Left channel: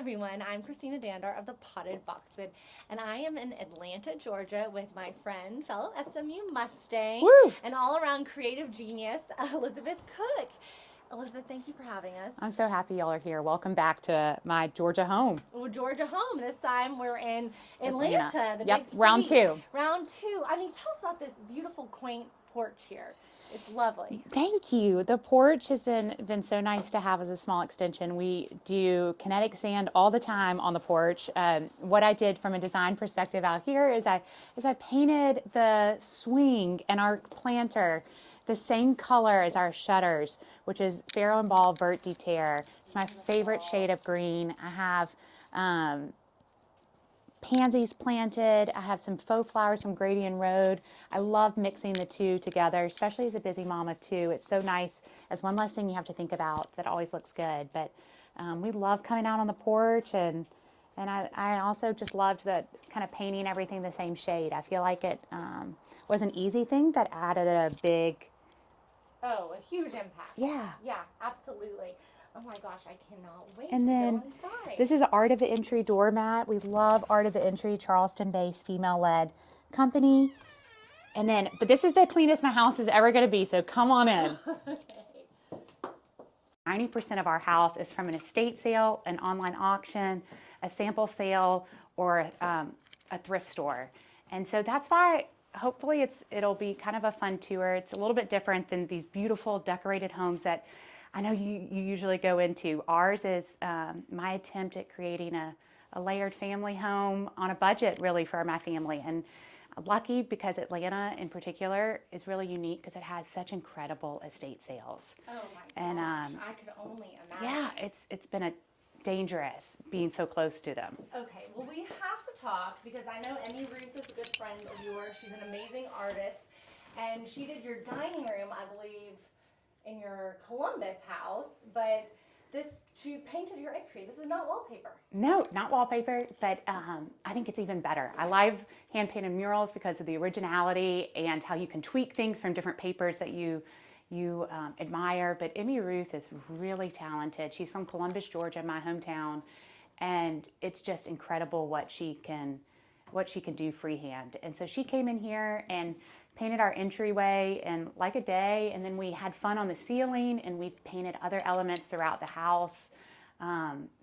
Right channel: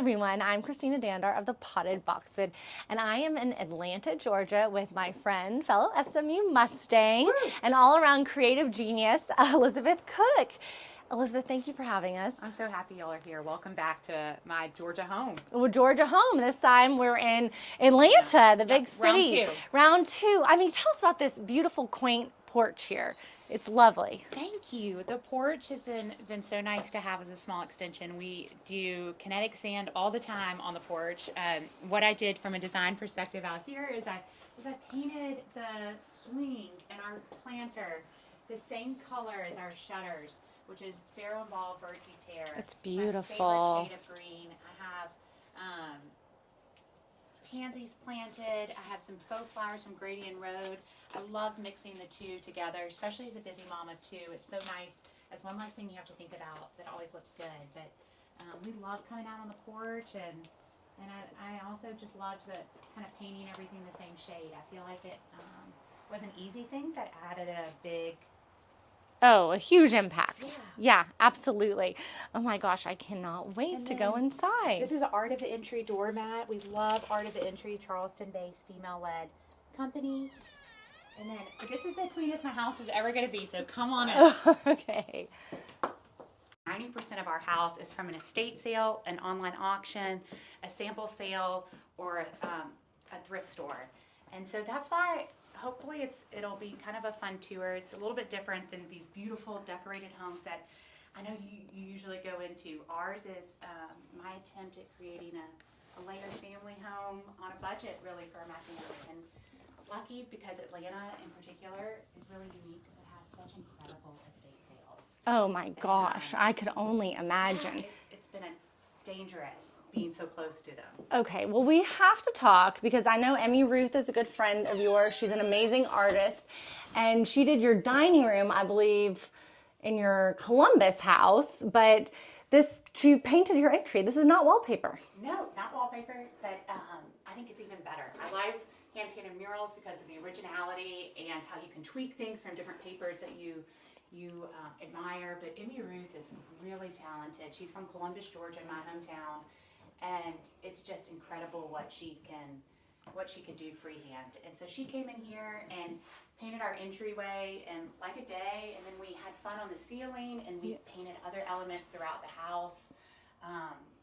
everyone. I'm Christina Dandar of the Potted Boxwood, and I am in Atlanta, Georgia with my friend, fellow SMU Mustang, and all-around creative genius, Elizabeth Cook. Elizabeth, thank you for having us. I'm so happy y'all are here. Welcome back to my Georgia home. Well, Georgia home. This time we're in Atlanta, the big city. Round two. Round two. I mean, tell us about this beautiful, quaint porch here. It's lovely. Thank you. The porch has been so nice to have as a small extension. We do kinetic sand all the time on the porch. What I did from a design perspective out here is I painted the swing and our planter the same color as our shutters, which is Farrow and Ball Vert de Terre. It's beautiful. My favorite shade of green. I have pansies planted. I have some faux flowers from Grady and Road. I love mixing the two together, especially as a busy mom of two. It's so nice as one less thing you have to think about that always looks good. But we love coming out on the porch, and I also just loved that kind of painting everything the same shade. I feel like it was an easy thing that added a big... Oh, a huge impact. Yeah. Yeah, absolutely. Oh my gosh, I cannot wait to go inside. This is Art of the Entry doormat. We love Art of the Entry, Charleston-based, female-led company. And then, but this is the cleanest my house is ever going to be, so come on in. Okay. 90% of our house is from an estate sale, an online auction, a sample sale, or a thrift store. And so that's why hopefully it'll be kind of a fun tour. It's a little bit different than these beautiful decorated homes that I know you usually go into. Ours is my attempt at creating a layered family home on a budget really for my family. And I'm lucky because Atlanta in particular is really unique because it has such incredible estate sales. Oh my gosh, I could only imagine. Yeah, it's been dangerous being so close to them. Okay, well, we have to talk because I know Emmy Ruth is a good friend of yours. She's an amazing artist, and she did your dining room, I believe, in your Columbus house, but she painted your entry. This is not wallpaper. No, not wallpaper, but I think it's even better. I love hand-painted murals because of the originality and how you can tweak things from different papers that you admire, but Emmy Ruth is really talented. She's from Columbus, Georgia, my hometown, and it's just incredible what she can do freehand. And so she came in here and painted our entryway in like a day, and then we had fun on the ceiling, and we painted other elements throughout the house.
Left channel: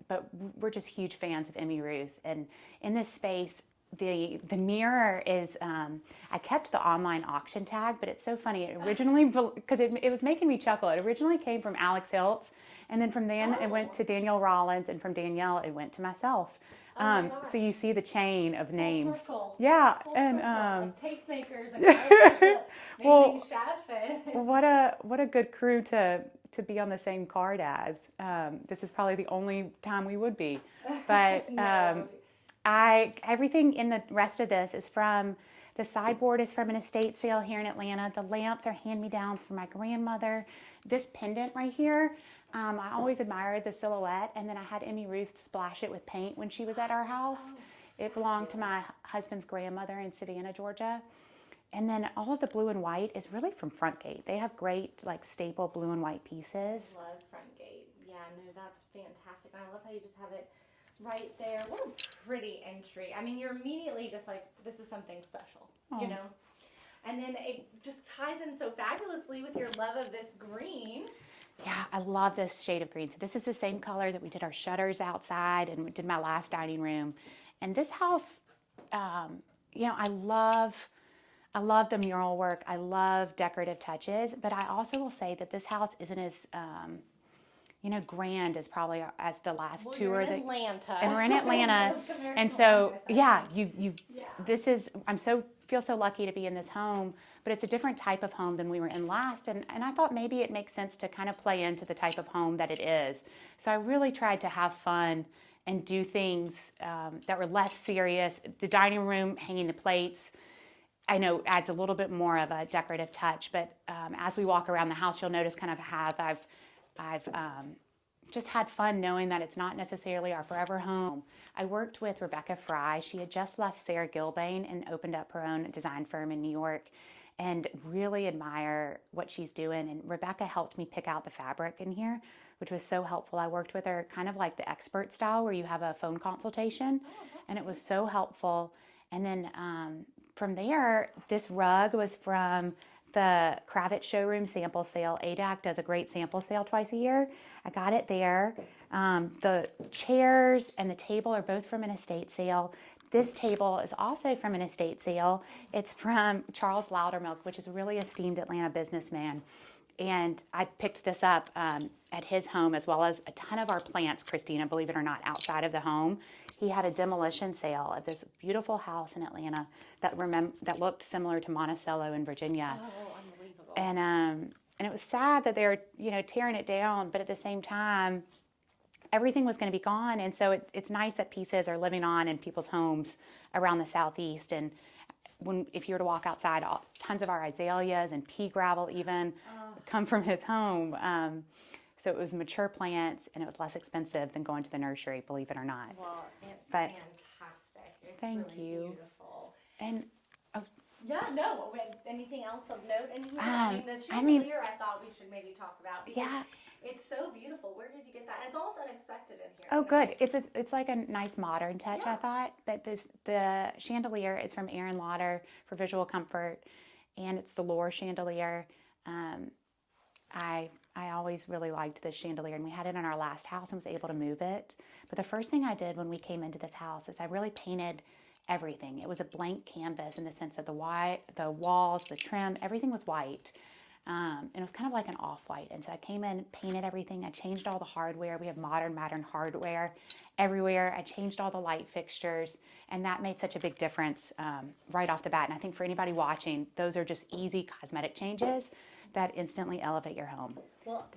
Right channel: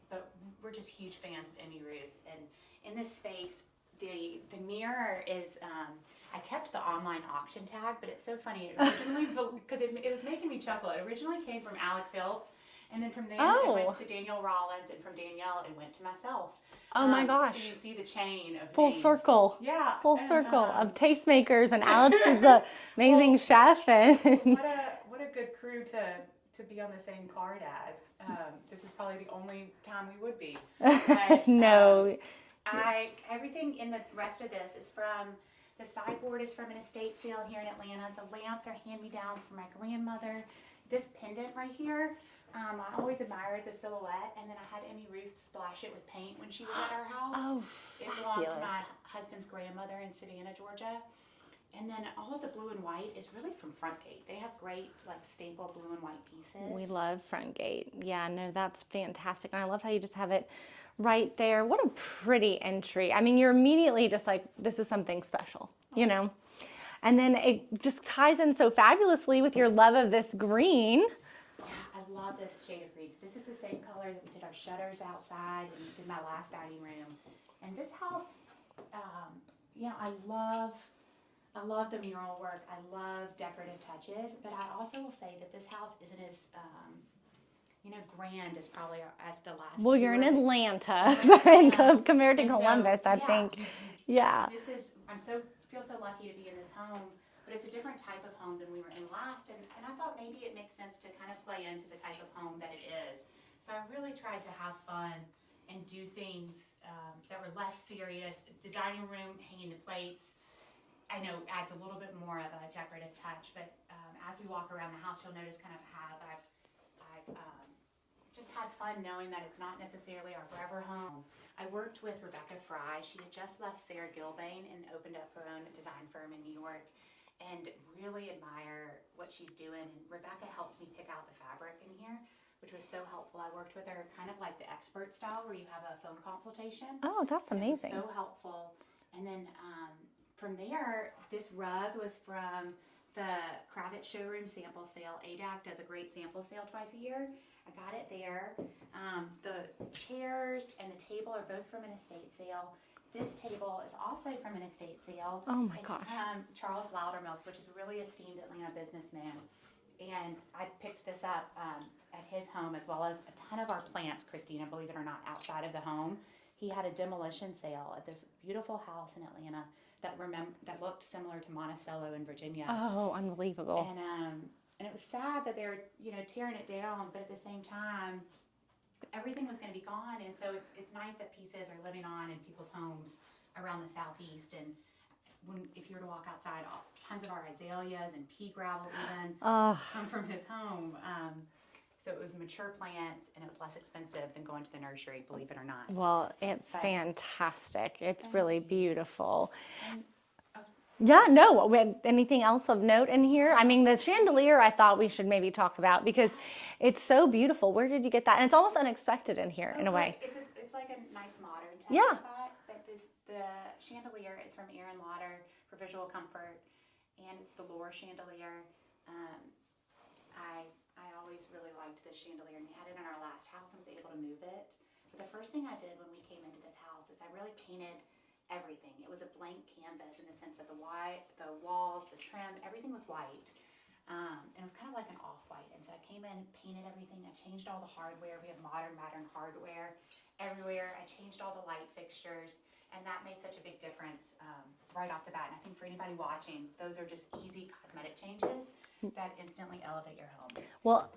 But we're just huge fans of Emmy Ruth, and in this space, the mirror is, I kept the online auction tag, but it's so funny. It originally, because it was making me chuckle, it originally came from Alex Hiltz, and then from then it went to Danielle Rollins, and from Danielle it went to myself. Oh my gosh. So you see the chain of Full names. circle. Yeah. Full circle of tastemakers, and Alex is an amazing chef. And what a good crew to be on the same card as. This is probably the only time we would be. But no. Everything in the rest of this is from, the sideboard is from an estate sale here in Atlanta. The lamps are hand-me-downs from my grandmother. This pendant right here, I always admired the silhouette, and then I had Emmy Ruth splash it with paint when she was at our house. Oh, it belonged to my husband's grandmother in Savannah, Georgia. And then all of the blue and white is really from Frontgate. They have great, like, staple blue and white pieces. We love Frontgate. Yeah, no, that's fantastic. And I love how you just have it right there. What a pretty entry. I mean, you're immediately just like, this is something special, you know? And then it just ties in so fabulously with your love of this green. Yeah, I love this shade of green. So this is the same color that we did our shutters outside and we did my last dining room. And this house, you know, I love the mural work. I love decorative touches, but I also will say that this house isn't as, you know, grand as probably as the last two. Well, you're in Atlanta. We're in Atlanta. Compared to Columbus, I think. Yeah. This is, feel so lucky to be in this home, but it's a different type of home than we were in last. And I thought maybe it makes sense to kind of play into the type of home that it is. So I really tried to have fun and do things that were less serious. The dining room, hanging the plates, I know adds a little bit more of a decorative touch, but as we walk around the house, you'll notice kind of how I've just had fun knowing that it's not necessarily our forever home. I worked with Rebecca Fry. She had just left Sarah Gilbane and opened up her own design firm in New York, and really admire what she's doing. And Rebecca helped me pick out the fabric in here. which was so helpful. I worked with her kind of like the expert style where you have a phone consultation. Oh, that's and amazing. It was so helpful. And then from there, this rug was from the Kravitz showroom sample sale. ADAC does a great sample sale twice a year. I got it there. The chairs and the table are both from an estate sale. This table is also from an estate sale. Oh my It's gosh. from Charles Loudermilk, which is a really esteemed Atlanta businessman. And I picked this up at his home, as well as a ton of our plants, Christina, believe it or not, outside of the home. He had a demolition sale at this beautiful house in Atlanta that looked similar to Monticello in Virginia. Oh, unbelievable. And it was sad that they were, tearing it down, but at the same time, everything was going to be gone. And so it's nice that pieces are living on in people's homes around the Southeast. And if you were to walk outside, tons of our azaleas and pea gravel even come from his home. So it was mature plants, and it was less expensive than going to the nursery, believe it or not. Well, it's fantastic. It's Thank really you. beautiful. And Yeah, no. Anything else of note in here? I mean, the chandelier I thought we should maybe talk about because it's so beautiful. Where did you get that? And it's almost unexpected in here in a way. It's like a nice modern touch, I thought. But the chandelier is from Aaron Lauder for visual comfort, and it's the Lore chandelier. I always really liked this chandelier, and we had it in our last house and was able to move it. But the first thing I did when we came into this house is I really painted everything. It was a blank canvas in the sense of the walls, the trim, everything was white. And it was kind of like an off-white. And so I came in, painted everything. I changed all the hardware. We have modern hardware everywhere. I changed all the light fixtures, and that made such a big difference right off the bat. And I think for anybody watching, those are just easy cosmetic changes that instantly elevate your home. Well,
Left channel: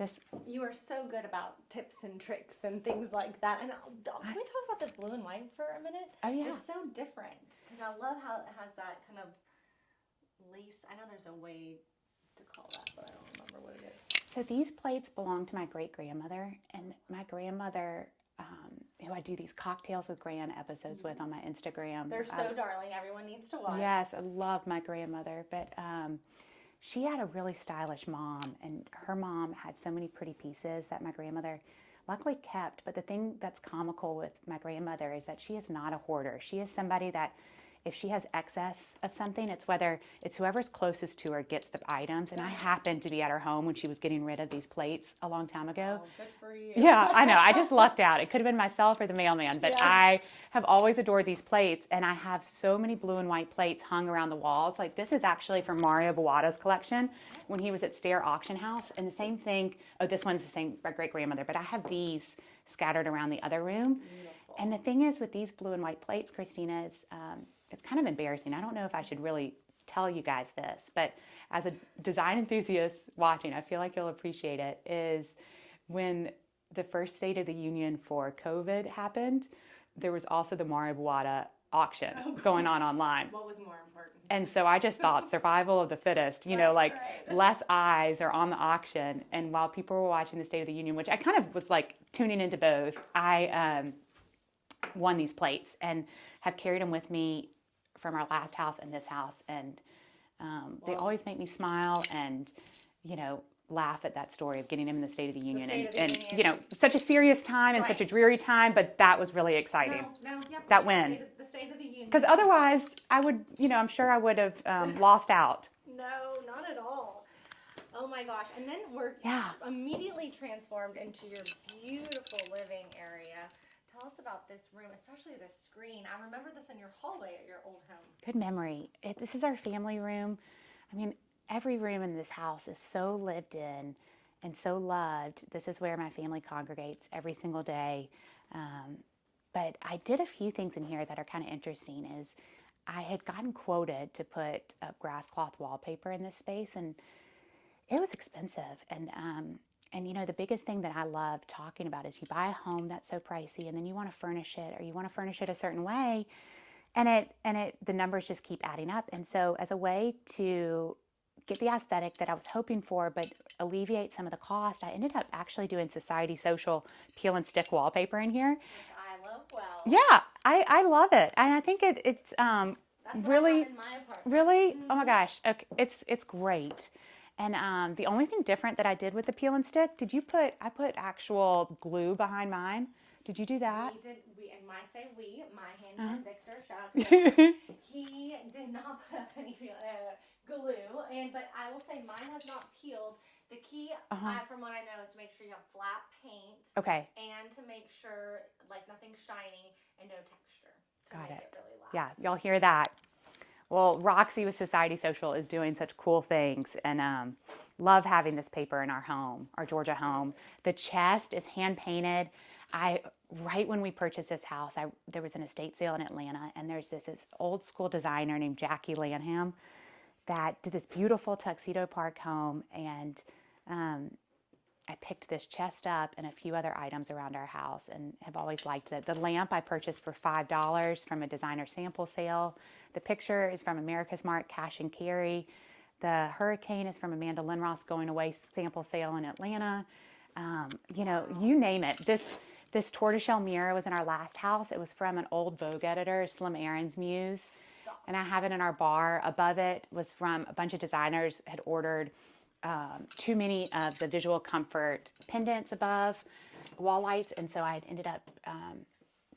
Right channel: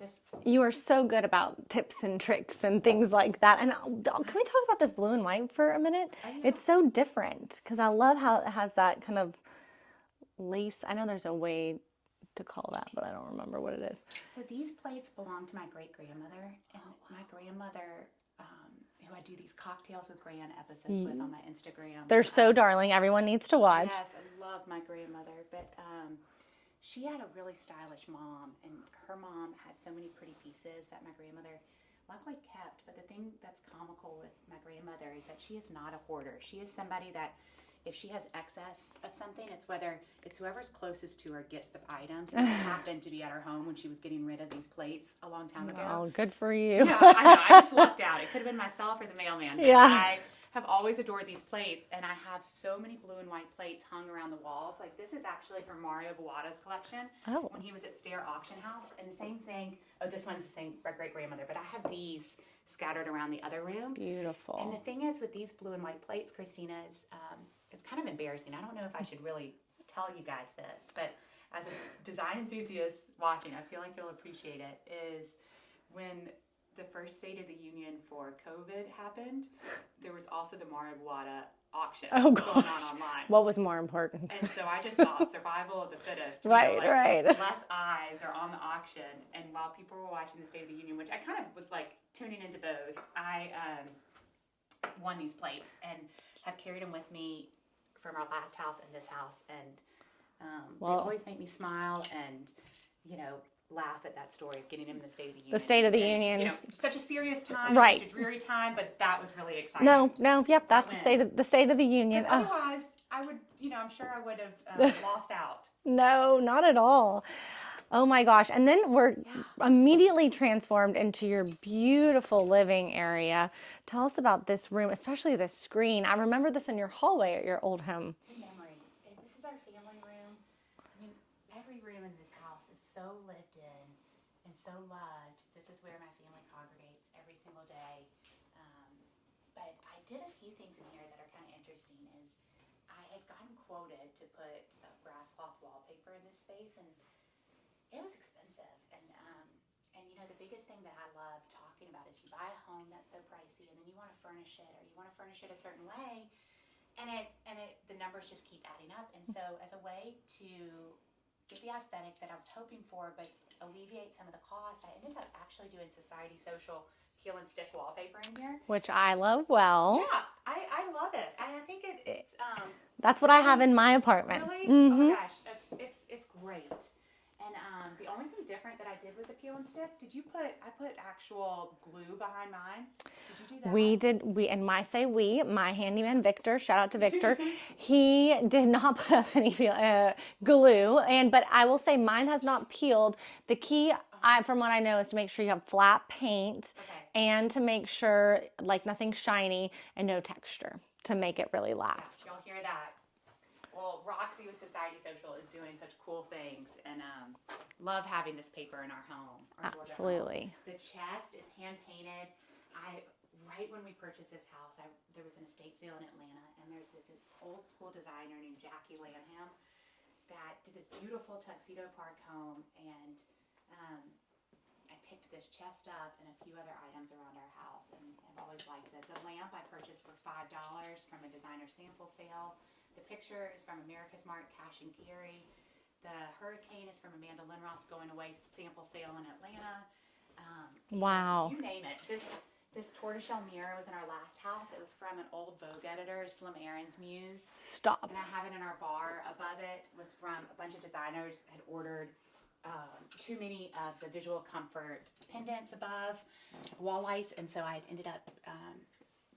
you are so good about tips and tricks and things like that. And can we talk about this blue and white for a minute? Oh, yeah. It's so different because I love how it has that kind of lace. I know there's a way to call that, but I don't remember what it is. So these plates belong to my great-grandmother, and my grandmother, who I do these cocktails with Gran episodes with on my Instagram. They're so darling. Everyone needs to watch. Yes, I love my grandmother, but she had a really stylish mom, and her mom had so many pretty pieces that my grandmother luckily kept. But the thing that's comical with my grandmother is that she is not a hoarder. She is somebody that if she has excess of something, it's whoever's closest to her gets the items. And it happened to be at her home when she was getting rid of these plates a long time ago. Oh, good for you. Yeah, I know. I just lucked out. It could have been myself or the mailman, but I have always adored these plates, and I have so many blue and white plates hung around the walls. Like this is actually from Mario Buato's collection when he was at Stair Auction House. And the same thing, this one's the same, my great-grandmother, but I have these scattered around the other room. Beautiful. And the thing is with these blue and white plates, Christina, is it's kind of embarrassing. I don't know if I should really tell you guys this, but as a design enthusiast watching, I feel like you'll appreciate it, is when the first State of the Union for COVID happened, there was also the Mario Buato auction going on online. What was more important? And so I just thought survival of the fittest, less eyes are on the auction. And while people were watching the State of the Union, which I kind of was like tuning into both, I won these plates and have carried them with me from our last house and this house. And they always make me smile and, laugh at that story of getting him in the State of the Union. The State of the Union. Such a serious time and such a dreary time, but that was really exciting. That's the State of the Union. Because otherwise, I would, I'm sure I would have lost out. No, not at all. Oh my gosh. And then we're immediately transformed into your beautiful living area. Tell us about this room, especially this screen. I remember this in your hallway at your old home. Good memory. This is our family room. I mean, every room in this house is so lived in and so loved. This is where my family congregates every single day. But I did a few things in here that are kind of interesting. Is I had gotten quoted to put grass cloth wallpaper in this space, and it was expensive. And the biggest thing that I love talking about is you buy a home that's so pricey, and then you want to furnish it, or you want to furnish it a certain way, and the numbers just keep adding up. And so as a way to get the aesthetic that I was hoping for, but alleviate some of the cost, I ended up actually doing Society Social peel and stick wallpaper in here, which I love. Well, yeah, I love it, and I think it's that's what I have in my apartment. Really? Mm-hmm. Oh my gosh, okay. It's great. And the only thing different that I did with the peel and stick, I put actual glue behind mine. Did you do that? My handyman Victor, shout out to Victor. He did not put up any glue, but I will say mine has not peeled. The key, from what I know, is to make sure you have flat paint. Okay. And to make sure like nothing shiny and no texture to make it really last. Yeah, y'all hear that? Well, Roxy with Society Social is doing such cool things, and love having this paper in our home, our Georgia home. The chest is hand painted. Right when we purchased this house, there was an estate sale in Atlanta, and there's this old school designer named Jackie Lanham that did this beautiful tuxedo park home, and I picked this chest up and a few other items around our house and have always liked it. The lamp I purchased for $5 from a designer sample sale. The picture is from America's Mark Cash and Carry. The hurricane is from Amanda Lindroth's going away sample sale in Atlanta. You know, you name it. This tortoiseshell mirror was in our last house. It was from an old Vogue editor, Slim Aaron's muse. Stop. And I have it in our bar. Above it was from a bunch of designers had ordered too many of the visual comfort pendants above wall lights, and so I ended up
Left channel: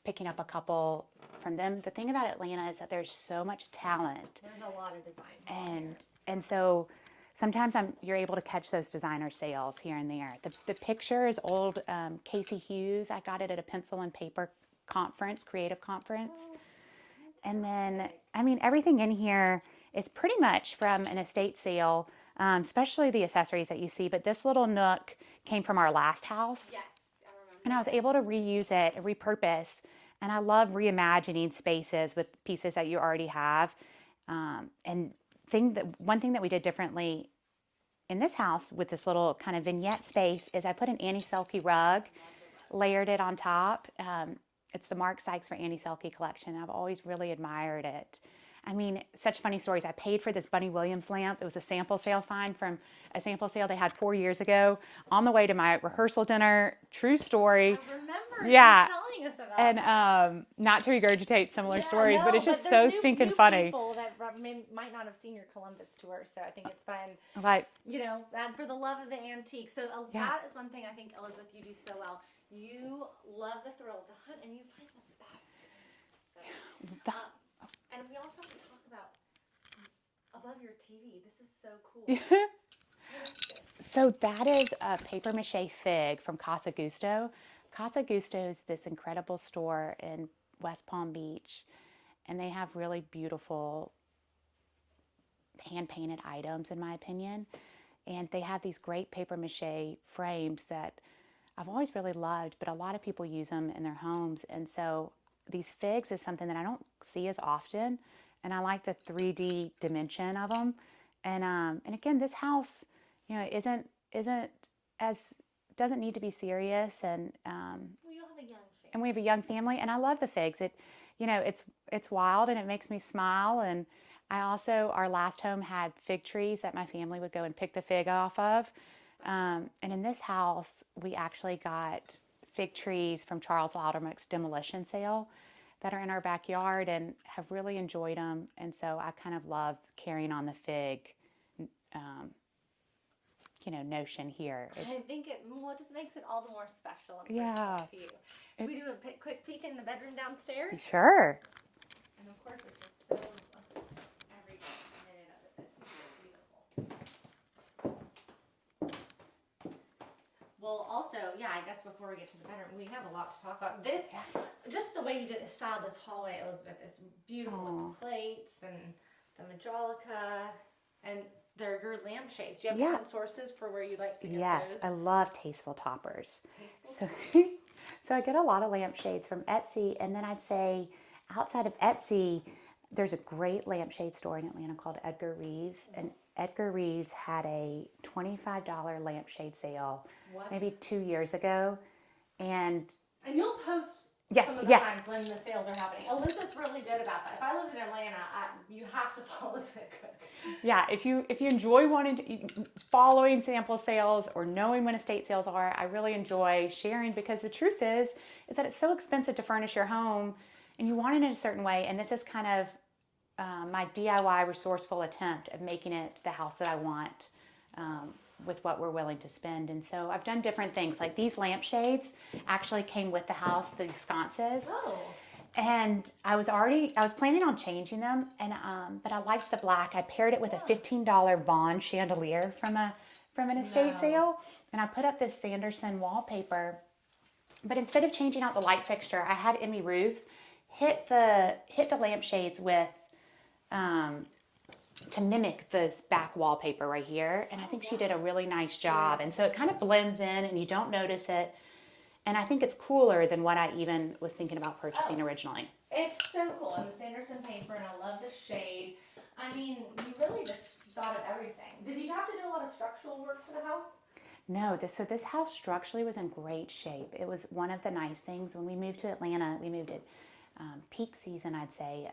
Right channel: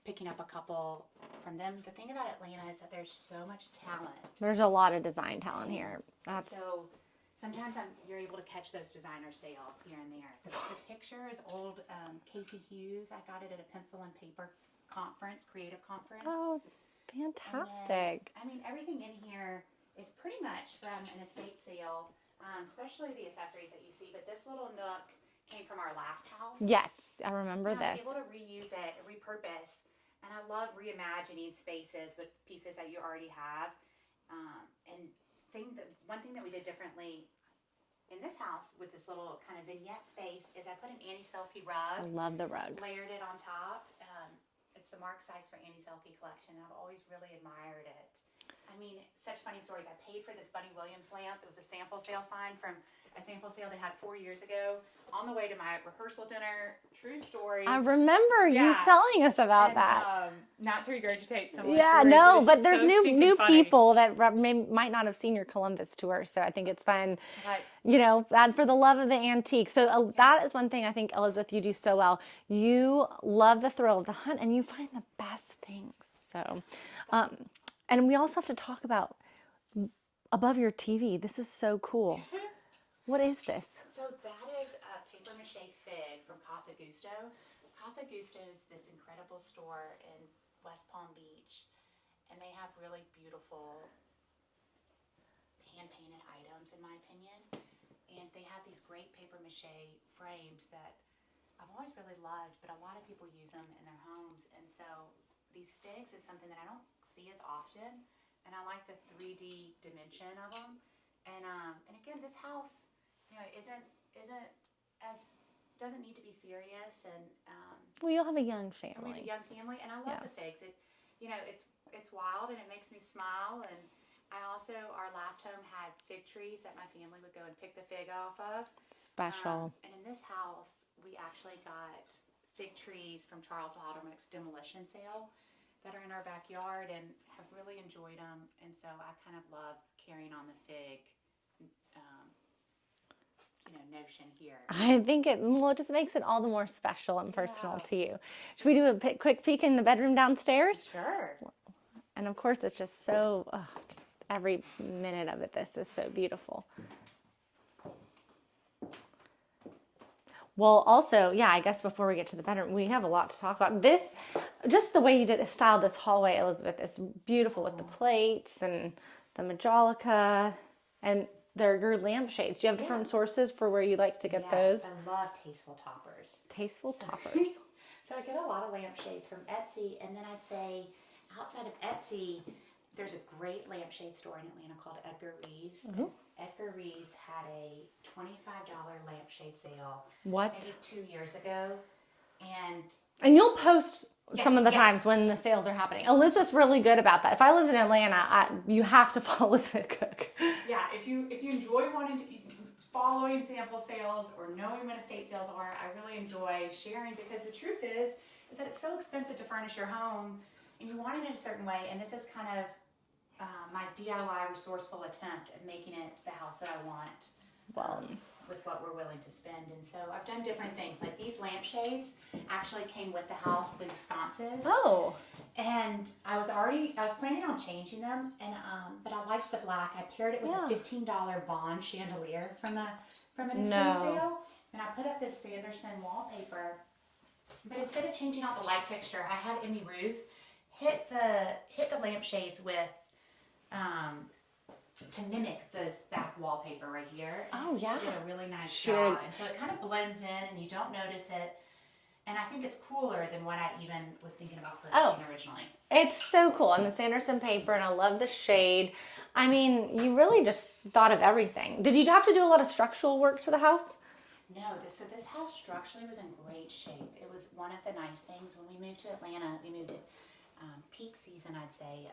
picking up a couple from them. The thing about Atlanta is that there's so much talent. There's a lot of design talent here. And so sometimes you're able to catch those designer sales here and there. The picture is old Casey Hughes. I got it at a pencil and paper conference, creative conference. Oh, fantastic. And then, I mean, everything in here is pretty much from an estate sale, especially the accessories that you see. But this little nook came from our last house. Yes, I remember. And I was able to reuse it, repurpose. And I love reimagining spaces with pieces that you already have. One thing that we did differently in this house with this little kind of vignette space is I put an Annie Selke rug. I love the rug. Layered it on top. It's the Mark Sykes for Annie Selke collection. I've always really admired it. I mean, such funny stories. I paid for this Bunny Williams lamp. It was a sample sale find from a sample sale they had 4 years ago on the way to my rehearsal dinner. True story. I remember you telling us about that. Not to regurgitate similar stories, but it's just there's so new funny. people that might not have seen your Columbus tour, so I think it's fun. Right. You know, for the love of the antique. So that is one thing I think, Elizabeth, you do so well. You love the thrill of the hunt, and you find the best things. So, and we also have to talk about above your TV. This is so cool. What is this? So that is a paper mache fig from Casa Gusto. Casa Gusto is this incredible store in West Palm Beach, and they have really beautiful hand-painted items, in my opinion. And they have these great paper mache frames that I've always really loved, but a lot of people use them in their homes. And so these figs is something that I don't see as often, and I like the 3D dimension of them. And again, this house, you know, doesn't need to be serious. And well, you'll have a young family, and we have a young family, and I love the figs. It's wild, and it makes me smile. And I also, our last home had fig trees that my family would go and pick the fig off of. Special. And in this house, we actually got fig trees from Charles Loudermilk's demolition sale that are in our backyard, and have really enjoyed them. And so I kind of love carrying on the fig, notion here. I think it just makes it all the more special and personal to you. Should we do a quick peek in the bedroom downstairs? Sure. And of course, it's just so, just every minute of it, this is so beautiful. Well, also, I guess before we get to the bedroom, we have a lot to talk about. This, just the way you styled this hallway, Elizabeth, is beautiful with the plates and the Majolica, and they're your lampshades. Do you have different sources for where you like to get those? Yes, I love tasteful toppers. Toppers. So I get a lot of lampshades from Etsy, and then I'd say outside of Etsy, there's a great lampshade store in Atlanta called Edgar Reeves. Mm-hmm. And Edgar Reeves had a $25 lampshade sale maybe 2 years ago. And you'll post some of the times when the sales are happening. Elizabeth's really good about that. If I lived in Atlanta, you have to follow Elizabeth Cook. Yeah, if you enjoy following sample sales or knowing when estate sales are, I really enjoy sharing, because the truth is that it's so expensive to furnish your home, and you want it in a certain way. And this is kind of my DIY resourceful attempt of making it the house that I want with what we're willing to spend. And so I've done different things. Like these lampshades actually came with the house, these sconces. Oh. And I was planning on changing them, and but I liked the black. I paired it with a $15 Vaughn chandelier from an estate sale, and I put up this Sanderson wallpaper. But instead of changing out the light fixture, I had Emmy Ruth hit the lampshades with to mimic this back wallpaper right here, and I think she did a really nice job. And so it kind of blends in, and you don't notice it. And I think it's cooler than what I even was thinking about purchasing originally. It's so cool. And the Sanderson paper, and I love the shade. I mean, you really just thought of everything. Did you have to do a lot of structural work to the house? No, this house structurally was in great shape. It was one of the nice things. When we moved to Atlanta, we moved at peak season, I'd say,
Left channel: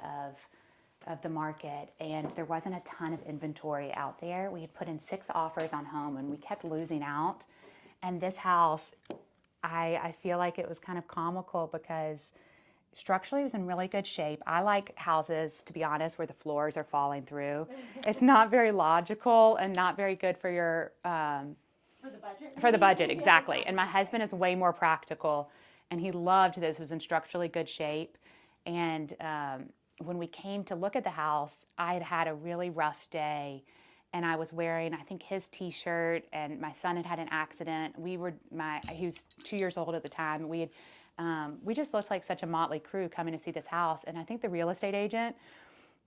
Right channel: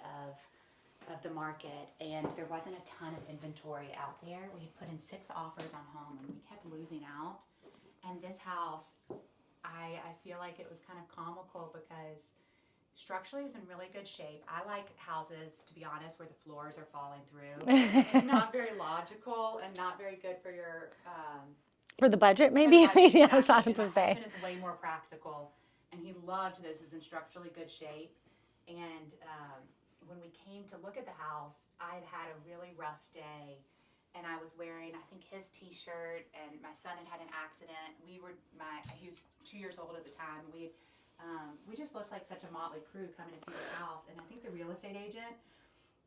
of the market, and there wasn't a ton of inventory out there. We had put in 6 offers on home, and we kept losing out. And this house, I feel like it was kind of comical because structurally it was in really good shape. I like houses, to be honest, where the floors are falling through. It's not very logical and not very good for your... for the budget, maybe? For the budget, exactly. Yeah, and my husband is way more practical, and he loved this. It was in structurally good shape. And when we came to look at the house, I had a really rough day. And I was wearing, I think, his T-shirt, and my son had an accident. He was 2 years old at the time. We just looked like such a motley crew coming to see this house. And I think the real estate agent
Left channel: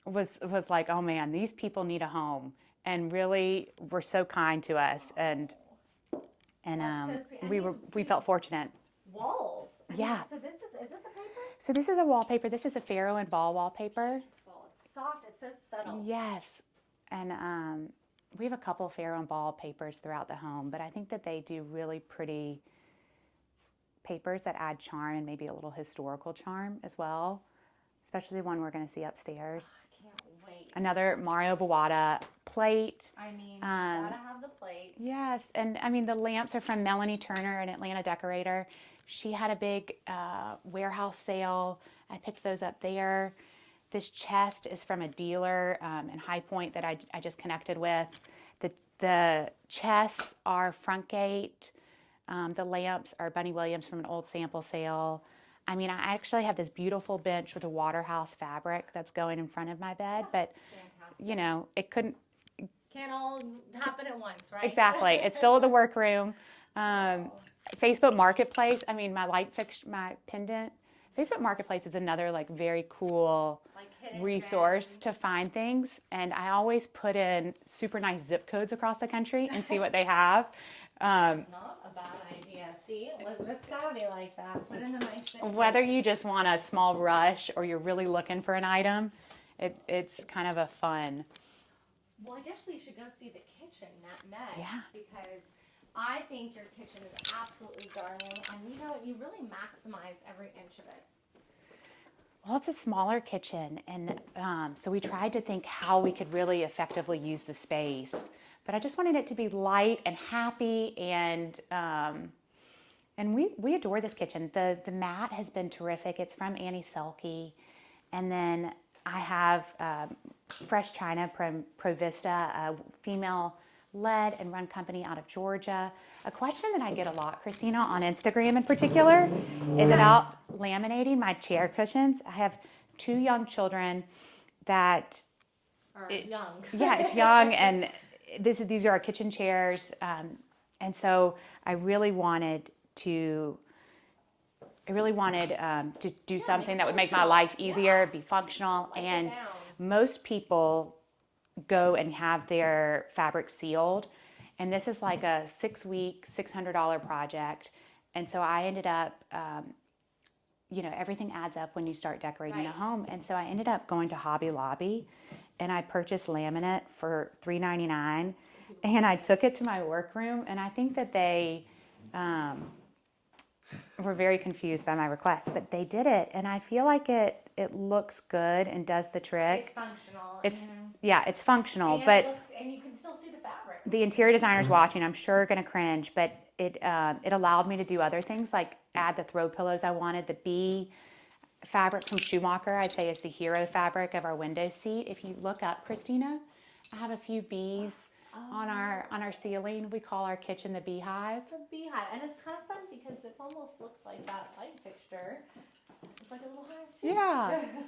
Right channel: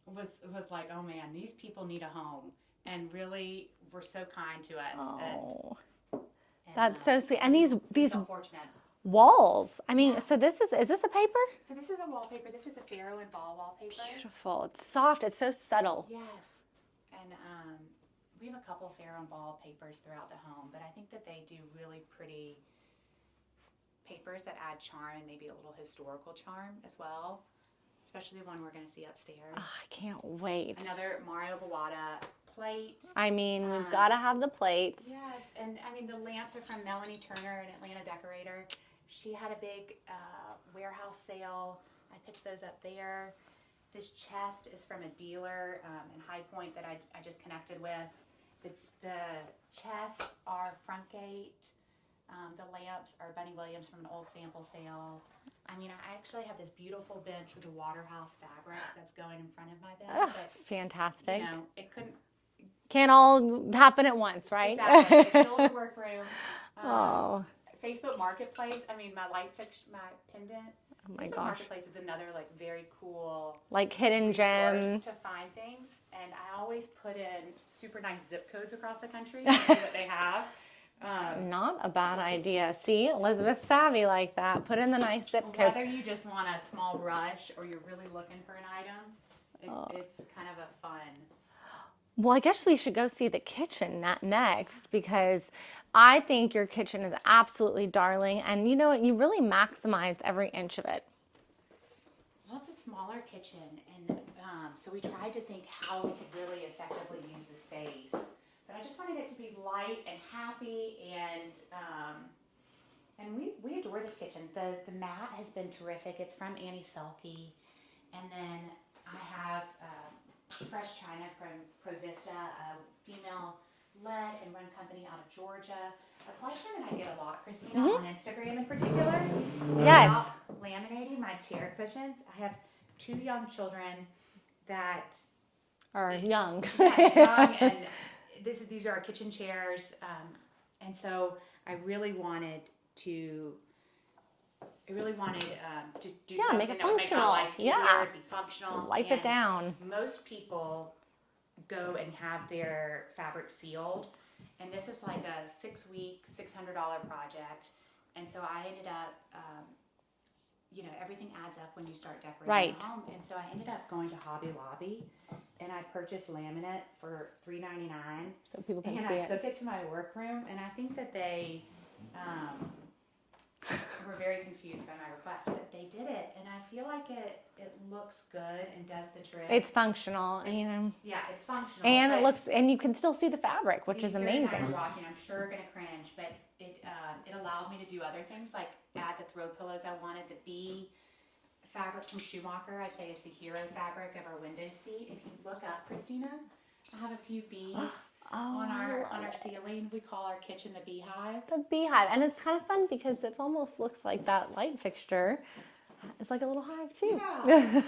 was like, oh man, these people need a home, and really were so kind to us. And that's so sweet. And we felt fortunate. Walls. I mean, so is this a paper? So this is a wallpaper. This is a Faro and Ball wallpaper. Beautiful. It's soft. It's so subtle. Yes. And we have a couple Faro and Ball papers throughout the home, but I think that they do really pretty papers that add charm and maybe a little historical charm as well, especially the one we're going to see upstairs. Oh, I can't wait. Another Mario Bawada plate. I mean, you've got to have the plates. Yes, and I mean, the lamps are from Melanie Turner, an Atlanta decorator. She had a big warehouse sale. I picked those up there. This chest is from a dealer in High Point that I just connected with. The chests are front gate. The lamps are Bunny Williams from an old sample sale. I mean, I actually have this beautiful bench with a Waterhouse fabric that's going in front of my bed. But fantastic. You know, it can't all happen at once, right? Exactly. It's still in the workroom. Facebook Marketplace. I mean, my pendant. Facebook Marketplace is another very cool hidden resource gem to find things, and I always put in super nice zip codes across the country and see what they have. Not a bad idea. See, Elizabeth's savvy like that. Put in the nice zip codes. Whether you just want a small rush or you're really looking for an item, it's kind of a fun. Well, I guess we should go see the kitchen next because I think your kitchen is absolutely darling, and you know what? You really maximized every inch of it. Well, it's a smaller kitchen, and so we tried to think how we could really effectively use the space. But I just wanted it to be light and happy, and we adore this kitchen. The mat has been terrific. It's from Annie Selke, and then I have fresh china from Provista, a female-led and run company out of Georgia. A question that I get a lot, Christina, on Instagram in particular, is about laminating my chair cushions. I have 2 young children that are young. Yeah, young, and these are our kitchen chairs, and so I really wanted to do something that would make my life easier, be functional. Wipe it down. Most people go and have their fabric sealed, and this is like a 6-week, $600 project. And so I ended up, everything adds up when you start decorating a home. And so I ended up going to Hobby Lobby, and I purchased laminate for $3.99, and I took it to my workroom, and I think that they were very confused by my request, but they did it, and I feel like it looks good and does the trick. It's functional, Yeah, it's functional, and and you can still see the fabric. The interior designers watching, I'm sure, are going to cringe, but it allowed me to do other things like add the throw pillows I wanted. The bee fabric from Schumacher, I'd say, is the hero fabric of our window seat. If you look up, Christina, I have a few bees on our ceiling. We call our kitchen the beehive. The beehive. And it's kind of fun because it almost looks like that light fixture. It's like a little hive too. Yeah.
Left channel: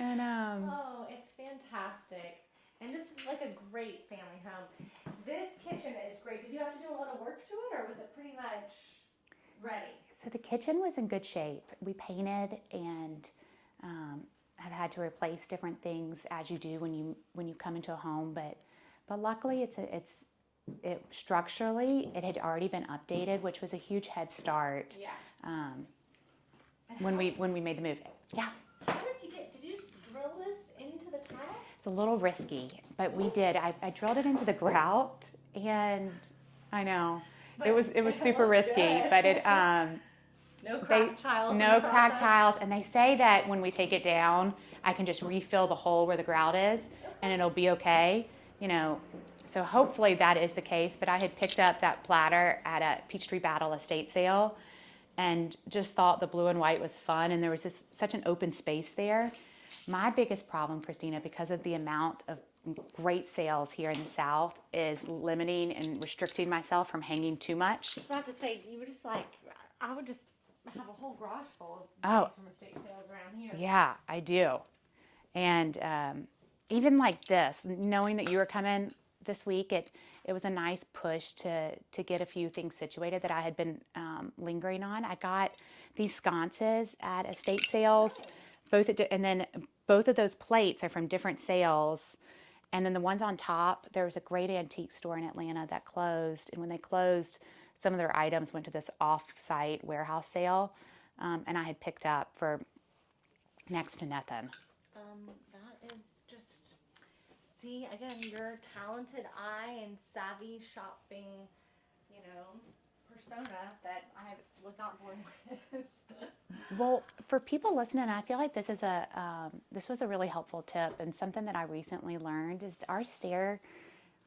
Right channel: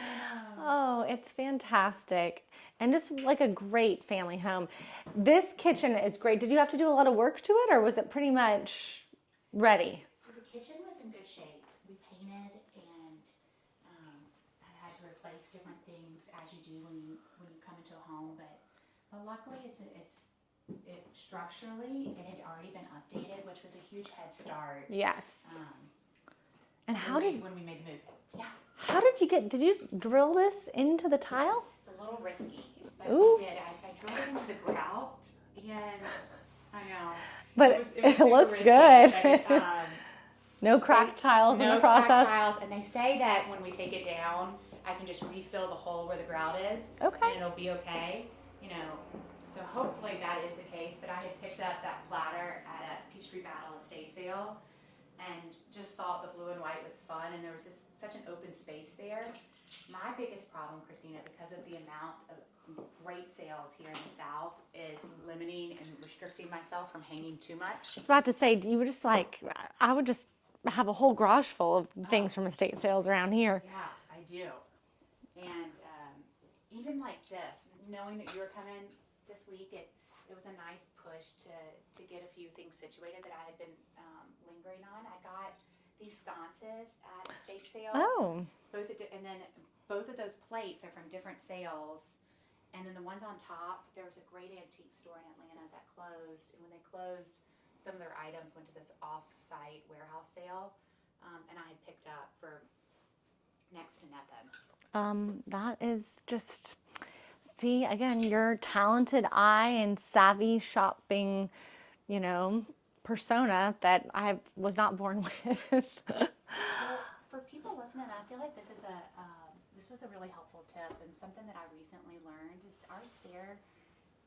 And, oh, it's fantastic. And just like a great family home. This kitchen is great. Did you have to do a lot of work to it, or was it pretty much ready? So the kitchen was in good shape. We painted and have had to replace different things as you do when you come into a home. But luckily, it structurally it had already been updated, which was a huge head start. Yes. And when we made the move. Yeah. How did you drill this into the tile? It's a little risky, but we did. I drilled it into the grout, and I know. But it was super looks risky. good. But it, no cracked tiles in the no process? cracked tiles. And they say that when we take it down, I can just refill the hole where the grout is, and it'll be okay. So hopefully that is the case. But I had picked up that platter at a Peachtree Battle estate sale, and just thought the blue and white was fun, and there was such an open space there. My biggest problem, Christina, because of the amount of great sales here in the South, is limiting and restricting myself from hanging too much. I was about to say, you were just like, I would just have a whole garage full of things from estate sales around here. Yeah, I do. And even like this, knowing that you were coming this week, it was a nice push to get a few things situated that I had been lingering on. I got these sconces at estate sales. Oh. And then both of those plates are from different sales. And then the ones on top, there was a great antique store in Atlanta that closed. And when they closed, some of their items went to this off-site warehouse sale. And I had picked up for next to nothing. That is just... See, again, your talented eye and savvy shopping, persona that I was not born with. Well, for people listening, I feel like this was a really helpful tip, and something that I recently learned is our stair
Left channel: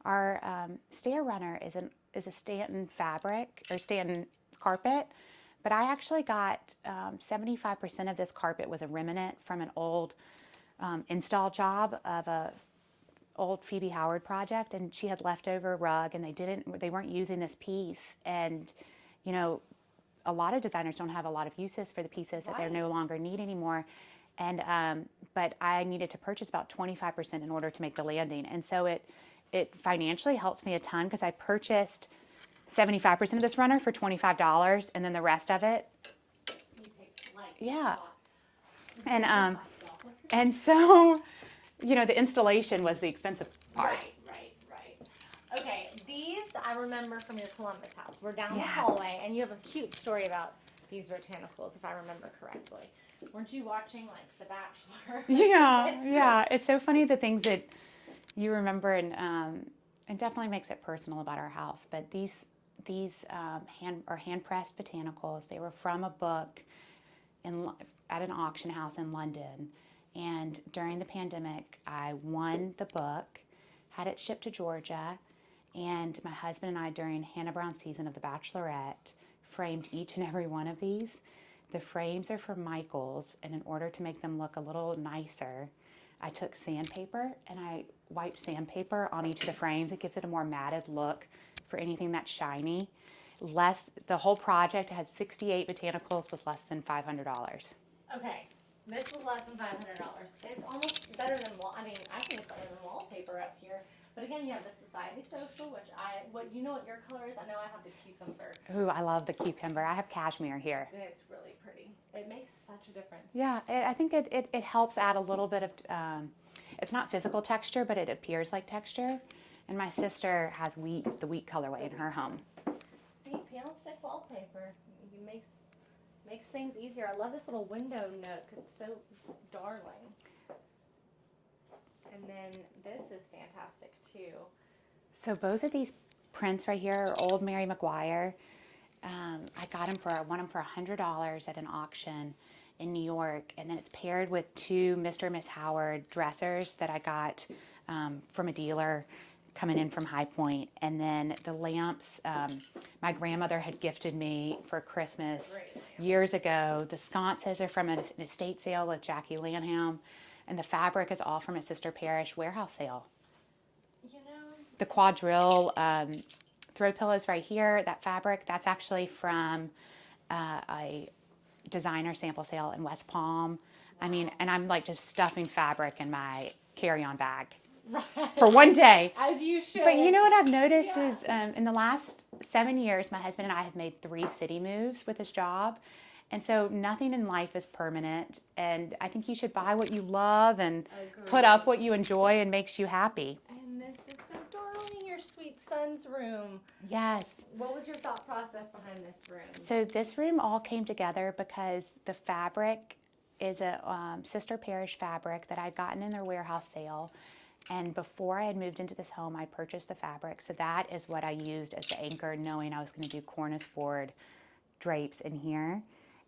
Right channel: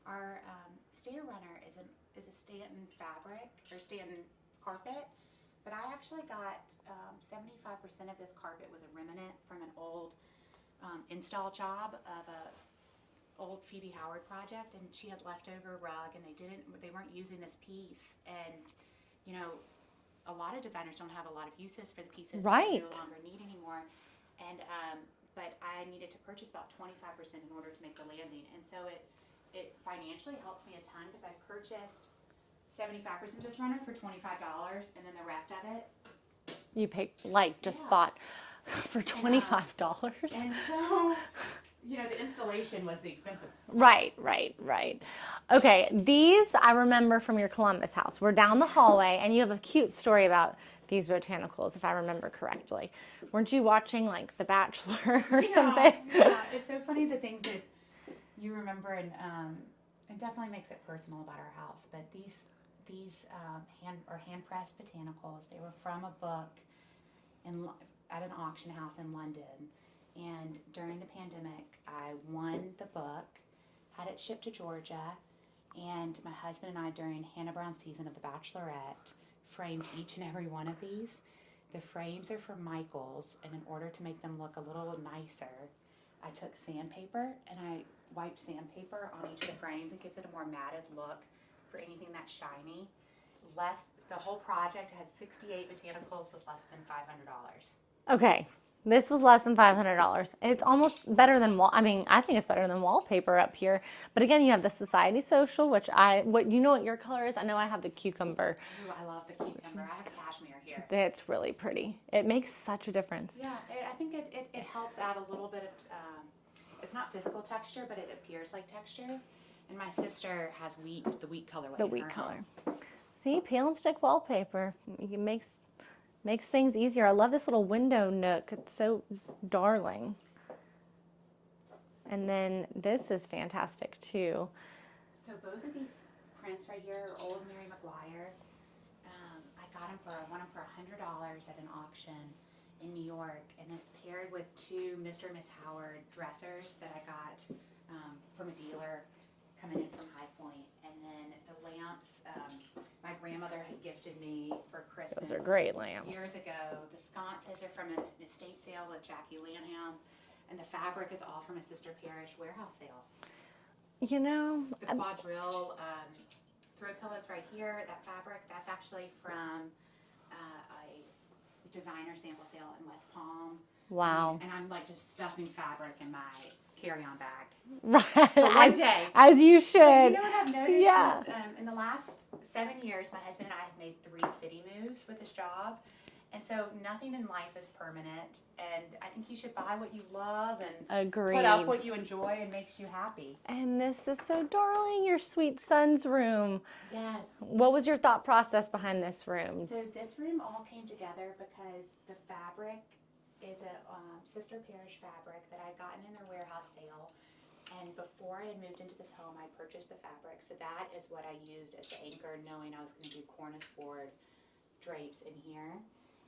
runner is a Stanton fabric or Stanton carpet, but I actually got 75% of this carpet was a remnant from an old install job of a old Phoebe Howard project, and she had leftover rug, and they weren't using this piece, and a lot of designers don't have a lot of uses for the pieces that they no longer need anymore, and but I needed to purchase about 25% in order to make the landing, and so it financially helps me a ton because I purchased 75% of this runner for $25, and then the rest of it you paid bought for $25. And so the installation was the expensive part. Right. Okay, these I remember from your Columbus house. We're down the hallway, and you have a cute story about these botanicals, if I remember correctly. Weren't you watching, like, The Bachelor or something? Yeah. It's so funny the things that you remember, and definitely makes it personal about our house. But these hand-pressed botanicals. They were from a book at an auction house in London. And during the pandemic, I won the book, had it shipped to Georgia, and my husband and I, during Hannah Brown's season of The Bachelorette, framed each and every one of these. The frames are from Michael's, and in order to make them look a little nicer, I took sandpaper and I wiped sandpaper on each of the frames. It gives it a more matted look for anything that's shiny. The whole project had 68 botanicals, was less than $500. Okay. This was less than $500. It's almost better than I think it's better than wallpaper up here. But again, you have the Society Social, which you know what your color is? I know I have the cucumber. Ooh, I love the cucumber. I have cashmere here. It's really pretty. It makes such a difference. Yeah, I think it helps add a little bit of, it's not physical texture, but it appears like texture. And my sister has the wheat colorway in her home. See, peel and stick wallpaper. It makes things easier. I love this little window nook. It's so darling. And then this is fantastic too. So both of these prints right here are old Mary McGuire. I got them won them for $100 at an auction in New York, and then it's paired with two Mr. and Miss Howard dressers that I got from a dealer coming in from High Point. And then the lamps, my grandmother had gifted me for Christmas. Those are great lamps. Years ago. The sconces are from an estate sale with Jackie Lanham, and the fabric is all from a Sister Parish warehouse sale. You know, The quadrille throw pillows right here, that fabric, that's actually from a designer sample sale in West Palm. I mean, Wow. and I'm like just stuffing fabric in my carry-on bag right. for one day. As you should. But you know what I've noticed Yeah. is in the last 7 years, my husband and I have made 3 city moves with this job. And so nothing in life is permanent. And I think you should buy what you love and put up what you enjoy and makes you happy. And this is so darling, your sweet son's room. Yes. What was your thought process behind this room? So this room all came together because the fabric is a sister parish fabric that I'd gotten in their warehouse sale. And before I had moved into this home, I purchased the fabric. So that is what I used as the anchor, knowing I was going to do cornice board drapes in here.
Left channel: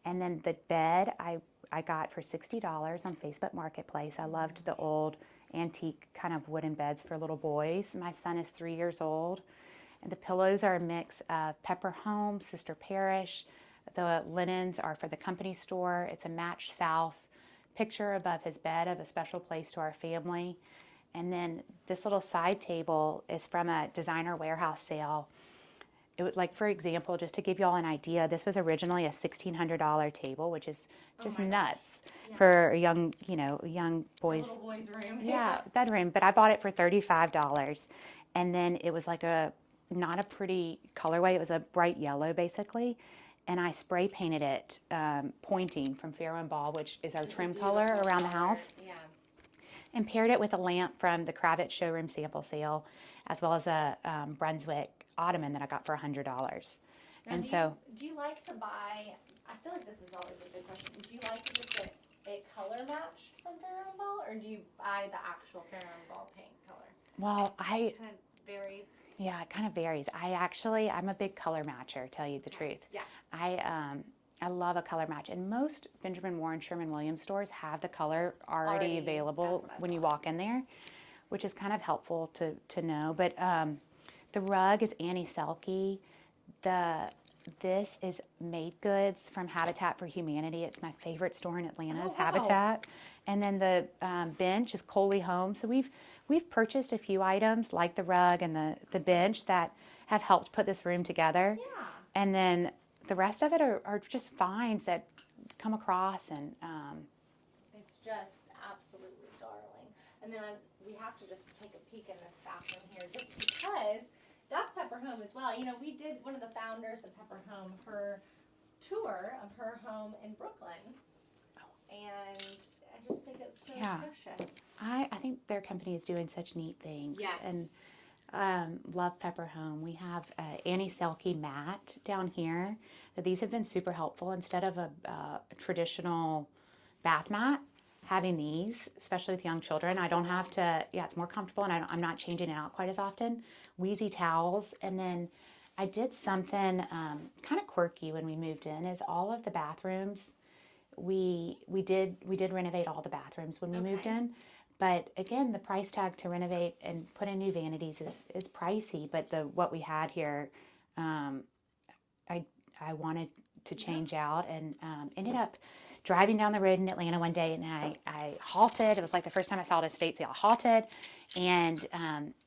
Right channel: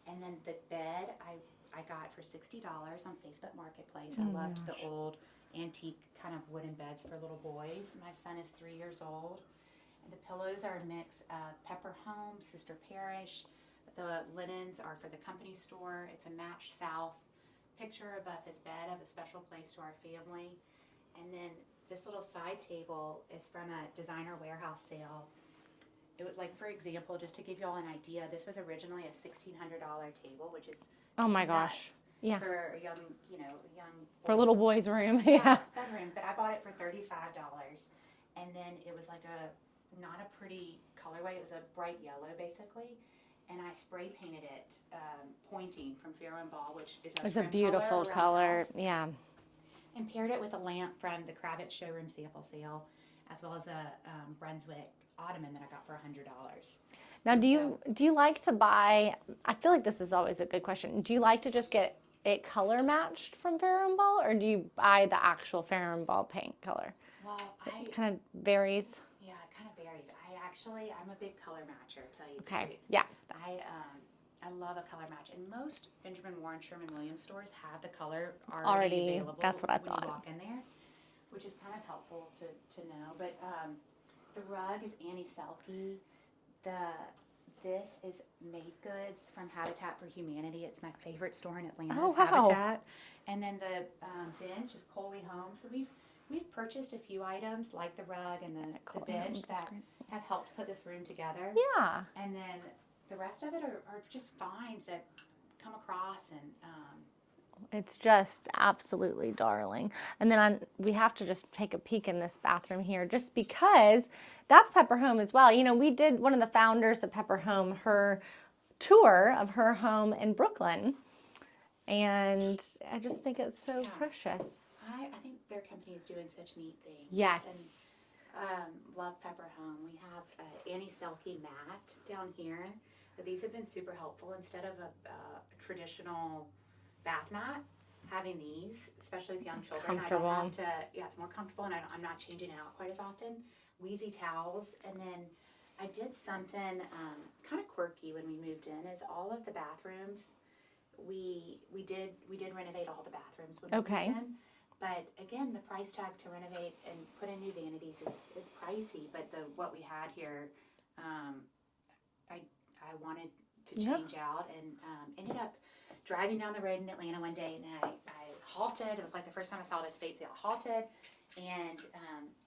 And then the bed I got for $60 on Facebook Marketplace. I loved the old antique kind of wooden beds for little boys. My son is 3 years old. And the pillows are a mix of Pepper Home, Sister Parish. The linens are for the company store. It's a match south picture above his bed of a special place to our family. And then this little side table is from a designer warehouse sale. It was like, for example, just to give you all an idea, this was originally a $1,600 table, which is just nuts for a young, a young boy's, for a little boy's room. bedroom. But I bought it for $35, and then it was like not a pretty colorway. It was a bright yellow, basically, and I spray painted it pointing from Farrow and Ball, which is our trim color around the house. Yeah. And paired it with a lamp from the Kravitz showroom sample sale, as well as a Brunswick ottoman that I got for $100. Now, do you like to buy? I feel like this is always a good question. Do you like to just get it color matched from Farrow and Ball, or do you buy the actual Farrow and Ball paint color? Well, It kind of varies. Yeah, it kind of varies. I'm a big color matcher, tell you the truth. Yeah. I love a color match, and most Benjamin Moore and Sherman-Williams stores have the color already available when you walk in there, which is kind of helpful to know. But the rug is Annie Selke. This is Made Goods from Habitat for Humanity. It's my favorite store in Atlanta. Oh, wow. Habitat. And then the bench is Coley Home. So we've purchased a few items like the rug and the bench that have helped put this room together. Yeah. And then the rest of it are just finds that come across, and it's just absolutely darling. And then we have to just take a peek in this bathroom here, just because that's Pepper Home as well. You know, we did one of the founders of Pepper Home, her tour of her home in Brooklyn, and I just think it's so precious. I think their company is doing such neat things. Yes. And love Pepper Home. We have Annie Selke mat down here. These have been super helpful. Instead of a traditional bath mat, having these, especially with young children, I don't have to, it's more comfortable, and I'm not changing it out quite as often. Wheezy towels. And then I did something kind of quirky when we moved in, is all of the bathrooms, we did renovate all the bathrooms when we moved in. But again, the price tag to renovate and put in new vanities is pricey. But what we had here, I wanted to change out, and ended up driving down the road in Atlanta one day, and I halted. It was like the first time I saw it at estate sale. I halted, and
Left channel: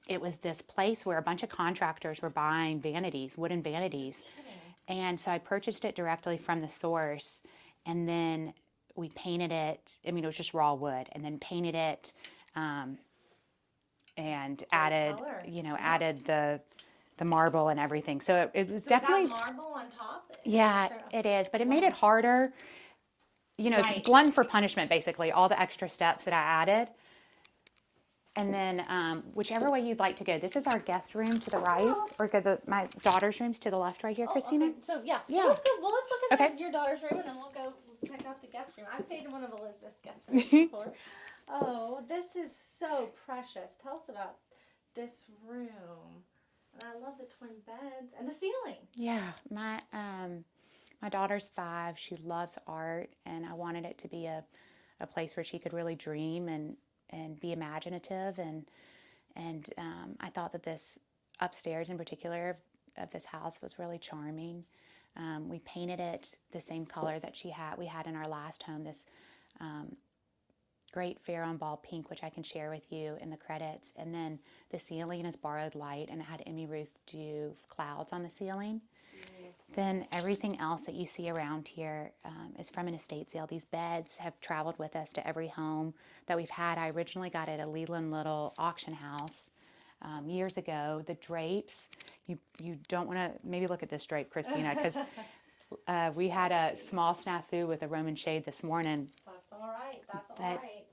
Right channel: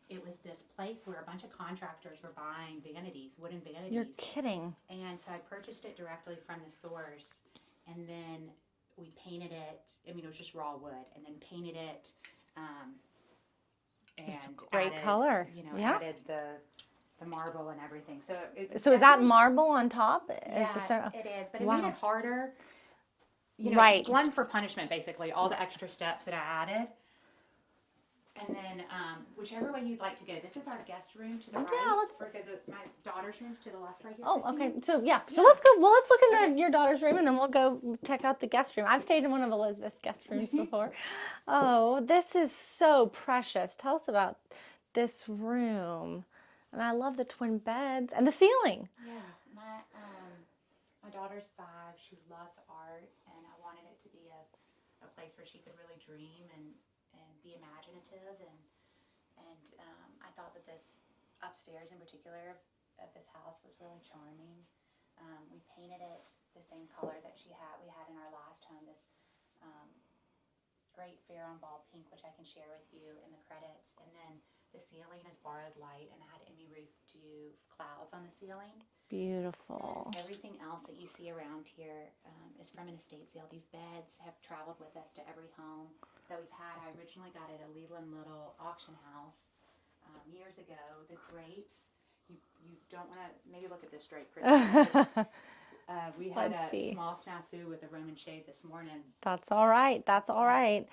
it was this place where a bunch of contractors were buying vanities, wooden vanities. You're kidding. And so I purchased it directly from the source, and then we painted it. I mean, it was just raw wood, and then painted it, and added color. Added the marble and everything. So is that marble on top? Yeah, it is. But it made it harder. Glutton for punishment, basically. All the extra steps that I added. And then whichever way you'd like to go. This is our guest room to the right, or my daughter's room's to the left right here, Christina. Okay. So So let's go. Well, let's look in your daughter's room, and then we'll go check out the guest room. I've stayed in one of Elizabeth's guest rooms before. Oh, this is so precious. Tell us about this room. And I love the twin beds and the ceiling. Yeah, my daughter's 5. She loves art, and I wanted it to be a place where she could really dream and be imaginative, and I thought that this upstairs in particular of this house was really charming. We painted it the same color that we had in our last home, this great Farrow and Ball pink, which I can share with you in the credits. And then the ceiling is borrowed light, and it had Emmy Ruth do clouds on the ceiling. Beautiful. Then everything else that you see around here is from an estate sale. These beds have traveled with us to every home that we've had. I originally got at a Leland Little auction house years ago. The drapes, you don't want to, maybe look at this drape, Christina, because we had a small snafu with a Roman shade this morning. That's all right. That's all right.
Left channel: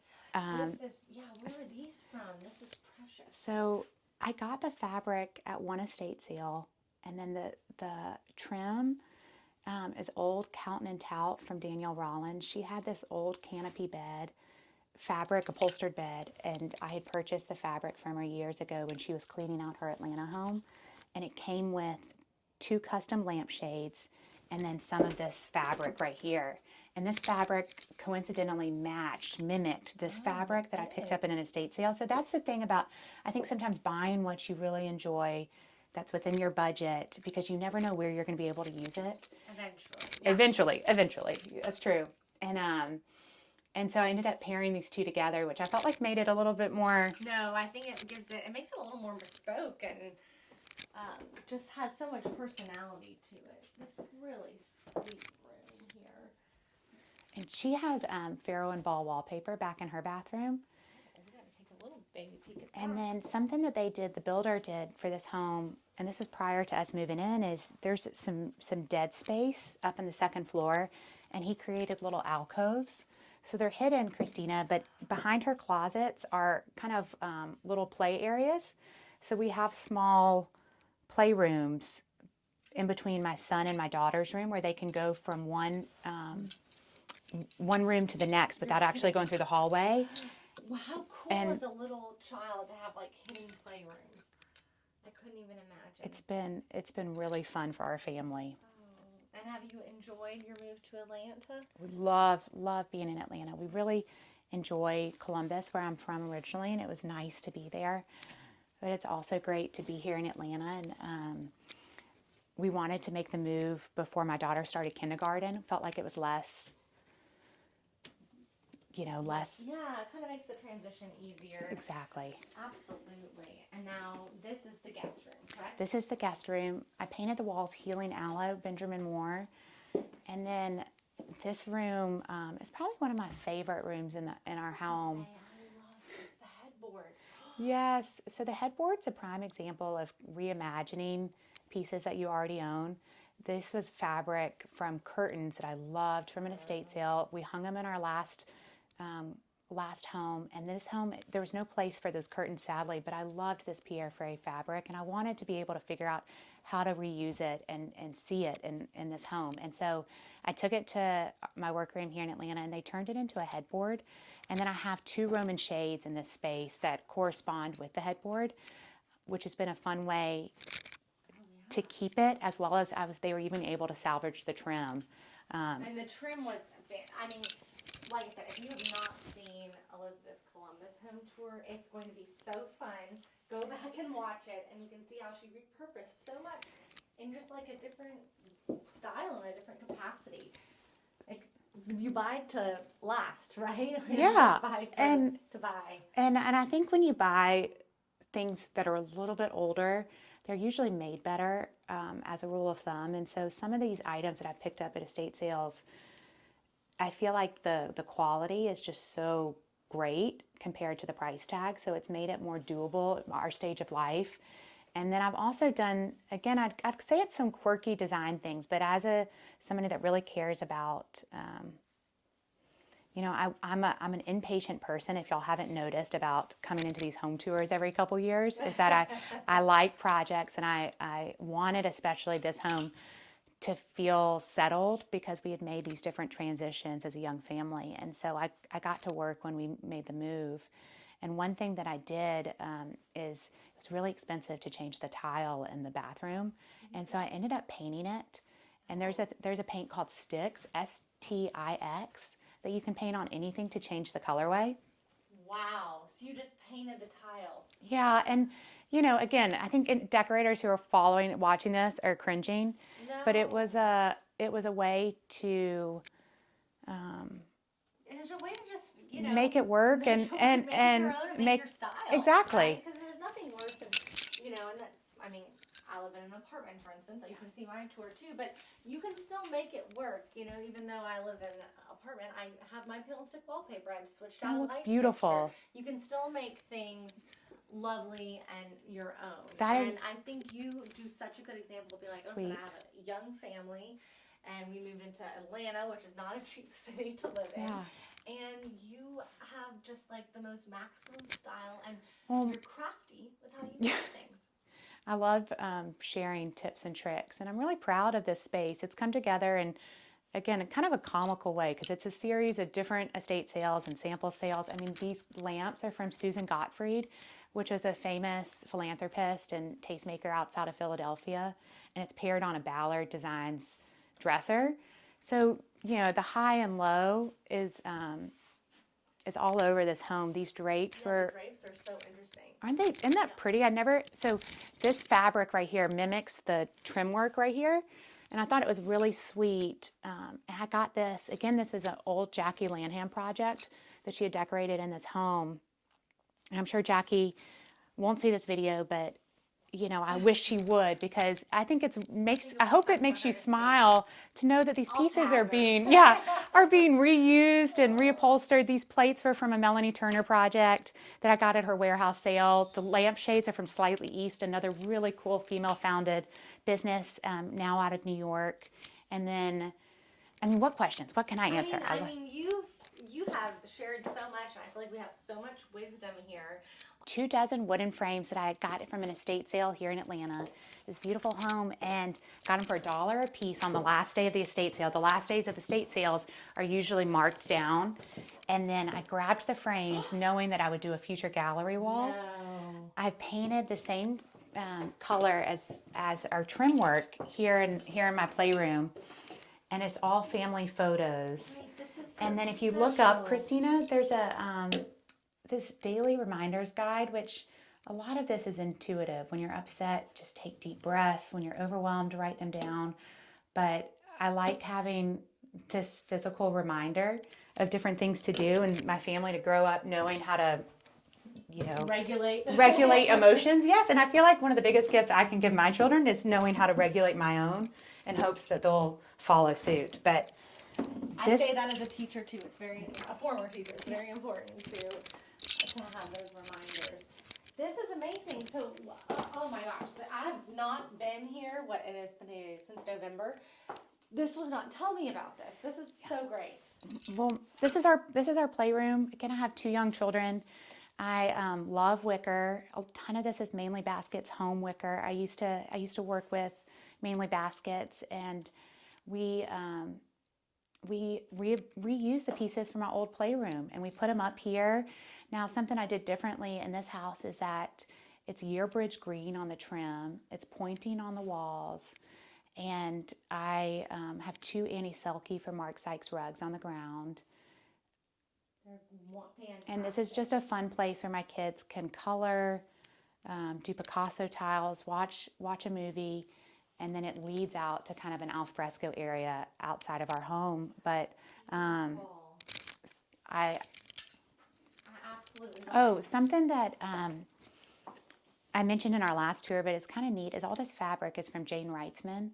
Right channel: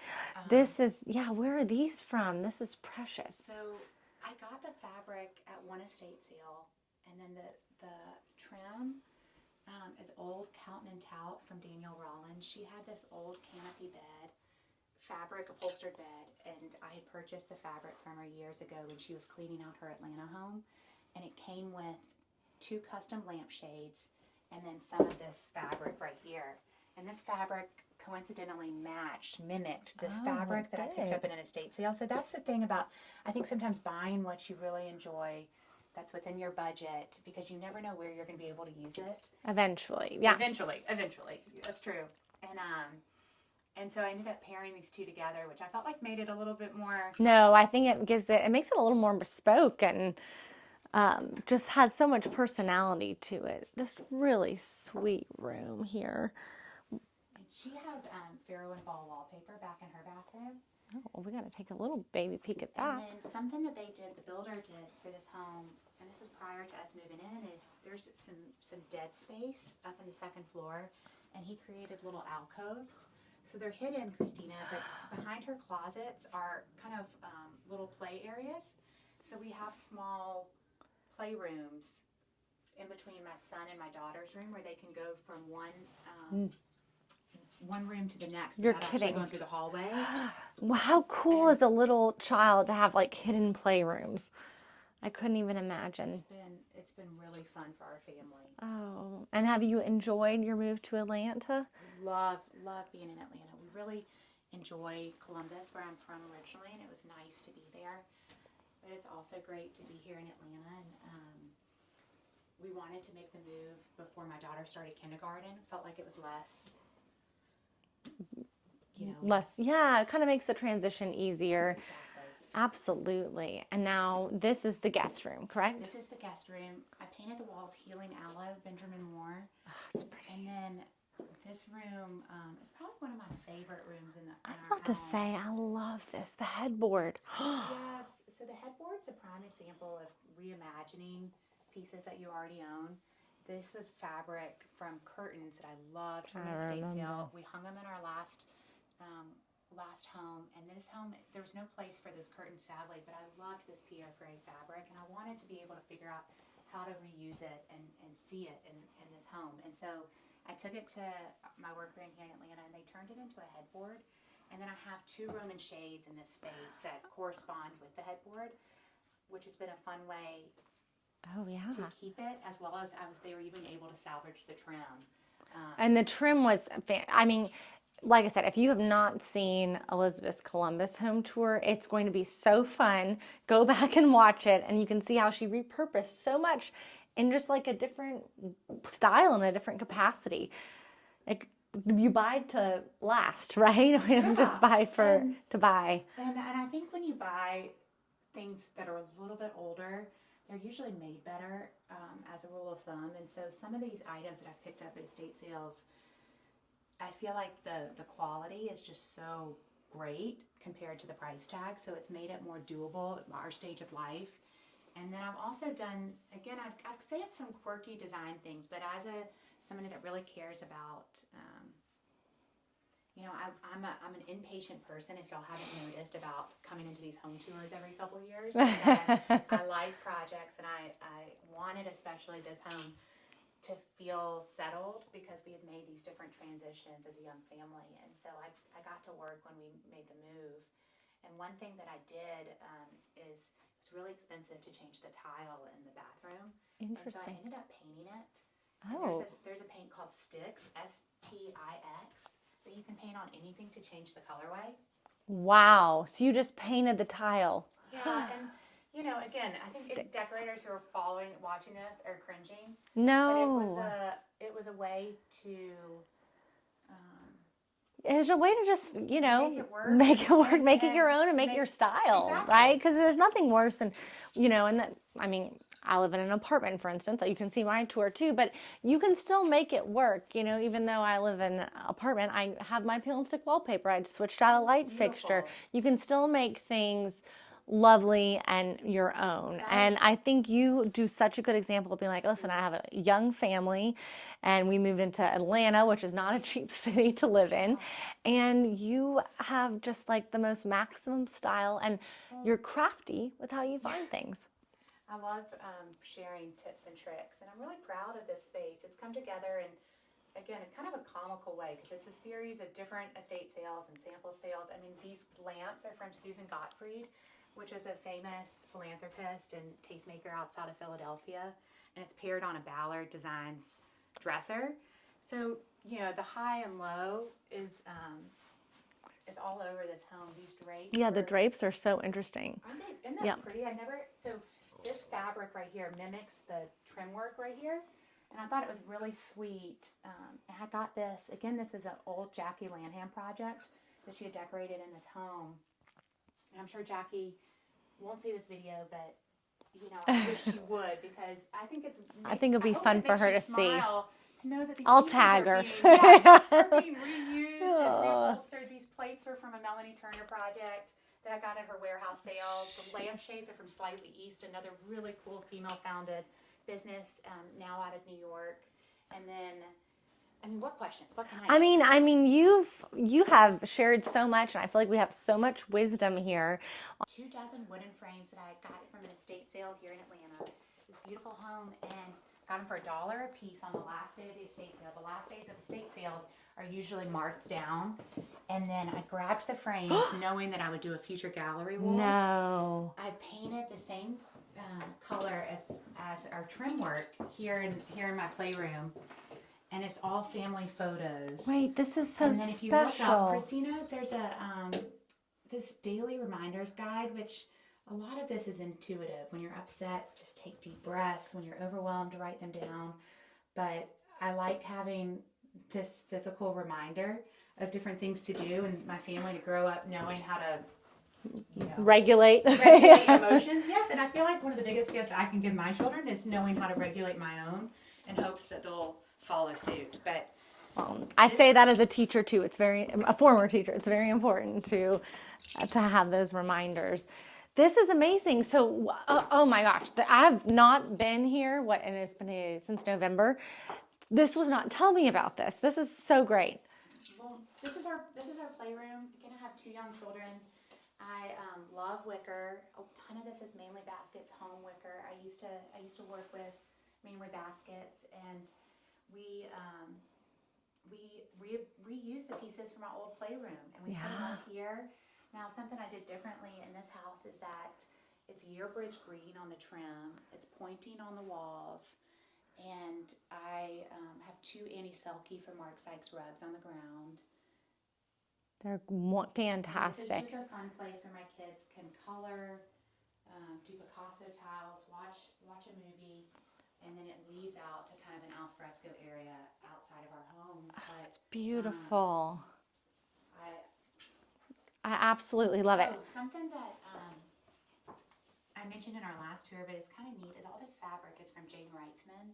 This is, yeah, where are these from? This is precious. So I got the fabric at one estate sale, and then the trim is old Cowton and Tout from Danielle Rollins. She had this old canopy bed, fabric upholstered bed, and I had purchased the fabric from her years ago when she was cleaning out her Atlanta home, and it came with 2 custom lampshades and then some of this fabric right here. And this fabric coincidentally mimicked this fabric that I picked up in an estate sale. So that's the thing about, I think sometimes buying what you really enjoy that's within your budget, because you never know where you're going to be able to use it. Eventually. Yeah. Eventually. That's true. And so I ended up pairing these two together, which I felt like made it a little bit more. No, I think it makes it a little more bespoke, and just has so much personality to it. Just really sweet room here. And she has Farrow and Ball wallpaper back in her bathroom. Oh, we got to take a little baby peek at that. And then something that the builder did for this home, and this was prior to us moving in, is there's some dead space up in the second floor, and he created little alcoves. So they're hidden, Christina, but behind her closets are kind of little play areas. So we have small playrooms in between my son and my daughter's room, where they can go from one room to the next without actually going through the hallway. Wow, how cool as a little child to have like hidden playrooms. I couldn't even imagine. It's been really fun for our family. Oh, and have you enjoyed your move to Atlanta? Love being in Atlanta. We really enjoy Columbus, where I'm from originally, and it was nice to be there. But it's also great to be here in Atlanta, and we wanted to make the move before my daughter started kindergarten. Felt like it was less. Yeah, it kind of makes the transition easier. Exactly. Absolutely. And now this is the guest room, correct? This is the guest room. I painted the walls Healing Aloe, Benjamin Moore. Oh, and then this room is probably one of my favorite rooms in our home. I was about to say, I love this, the headboard. Yes. So the headboard's a prime example of reimagining pieces that you already own. This was fabric from curtains that I loved from an estate sale. We hung them in our last home, and this home, there was no place for those curtains, sadly, but I loved this Pierre Ferré fabric, and I wanted to be able to figure out how to reuse it and see it in this home. And so I took it to my workroom here in Atlanta, and they turned it into a headboard. And then I have 2 Roman shades in this space that correspond with the headboard, which has been a fun way to keep it, as well as they were even able to salvage the trim. And the trim was, like I said, if you have not seen Elizabeth's Columbus home tour, it's going to be so fun. Go back and watch it, and you can see how she repurposed so much in just like a different style and a different capacity. Like, you buy to last, right? We don't just buy to buy. And I think when you buy things that are a little bit older, they're usually made better as a rule of thumb. And so some of these items that I picked up at estate sales, I feel like the quality is just so great compared to the price tag. So it's made it more doable at our stage of life. And then I've also done, again, I'd say it's some quirky design things, but as somebody that really cares about, I'm an impatient person, if y'all haven't noticed, about coming into these home tours every couple years, is that I like projects, and I wanted, especially this home, to feel settled, because we had made these different transitions as a young family. And so I got to work when we made the move. And one thing that I did is it was really expensive to change the tile in the bathroom. And so I ended up painting it. And there's a paint called Stix, S-T-I-X, that you can paint on anything to change the colorway. Wow. So you just painted the tile. Yeah. And, again, I think decorators who are watching this are cringing. No. But it was a way to is a way to just, make it work, make it work, and make it your own, and make your style. Exactly. Right? Because there's nothing worse than, and that, I mean, I live in an apartment, for instance. You can see my tour too, but you can still make it work. Even though I live in an apartment, I have my peel and stick wallpaper. I switched out a light fixture. You can still make things lovely and your own. And I think you do such a good example of being like, listen, I have a young family and we moved into Atlanta, which is not a cheap city to live in. And you have just like the most maximum style, and you're crafty with how you find things. I love sharing tips and tricks, and I'm really proud of this space. It's come together in, again, kind of a comical way, because it's a series of different estate sales and sample sales. I mean, these lamps are from Susan Gottfried, which is a famous philanthropist and tastemaker outside of Philadelphia, and it's paired on a Ballard Designs dresser. So, the high and low is all over this home. These drapes. Yeah, the drapes are so interesting. Aren't they? Isn't that pretty? So this fabric right here mimics the trim work right here. And I thought it was really sweet. And I got this. Again, this was an old Jackie Lanham project that she had decorated in this home. And I'm sure Jackie won't see this video, but I wish she would, because I think I hope it makes you smile to know that these pieces are being reused and reupholstered. These plates were from a Melanie Turner project that I got at her warehouse sale. The lampshades are from Slightly East, another really cool female-founded business now out of New York. And then, what questions? What can I answer? I mean, you have shared so much, and I feel like we have so much wisdom here. 24 wooden frames that I had got from an estate sale here in Atlanta. This beautiful home, and got them for $1 a piece on the last day of the estate sale. The last days of estate sales are usually marked down. And then I grabbed the frames knowing that I would do a future gallery wall. No. I painted the same color as our trim work here in my playroom. And it's all family photos. Wait, this is so special. And then if you look up, Christina, there's this daily reminders guide, which a lot of this is intuitive. When you're upset, just take deep breaths. When you're overwhelmed, write them down. But I like having this physical reminder of different things to do, and my family to grow up knowing how to, regulate emotions. Yes, and I feel like one of the biggest gifts I can give my children is knowing how to regulate my own, in hopes that they'll follow suit. But I say that as a teacher too. It's a former teacher. It's very important to have those reminders. This is amazing. So, oh my gosh, I've not been here. And it's been here since November. This was not. Tell me about this. This is so great. Well, this is our playroom. Again, I have 2 young children. I love wicker. A ton of this is mainly baskets, home wicker. I used to work with mainly baskets, and we reuse the pieces from our old playroom, and we put them up here. Now, something I did differently in this house is that it's yearbridge green on the trim. It's pointing on the walls, and I have 2 Annie Selke from Mark Sykes rugs on the ground. They're fantastic. And this is just a fun place where my kids can color, do Picasso tiles, watch a movie, and then it leads out to kind of an alfresco area outside of our home. But beautiful. I absolutely love it. Oh, something that I mentioned in our last tour, but it's kind of neat, is all this fabric is from Jane Reitzman.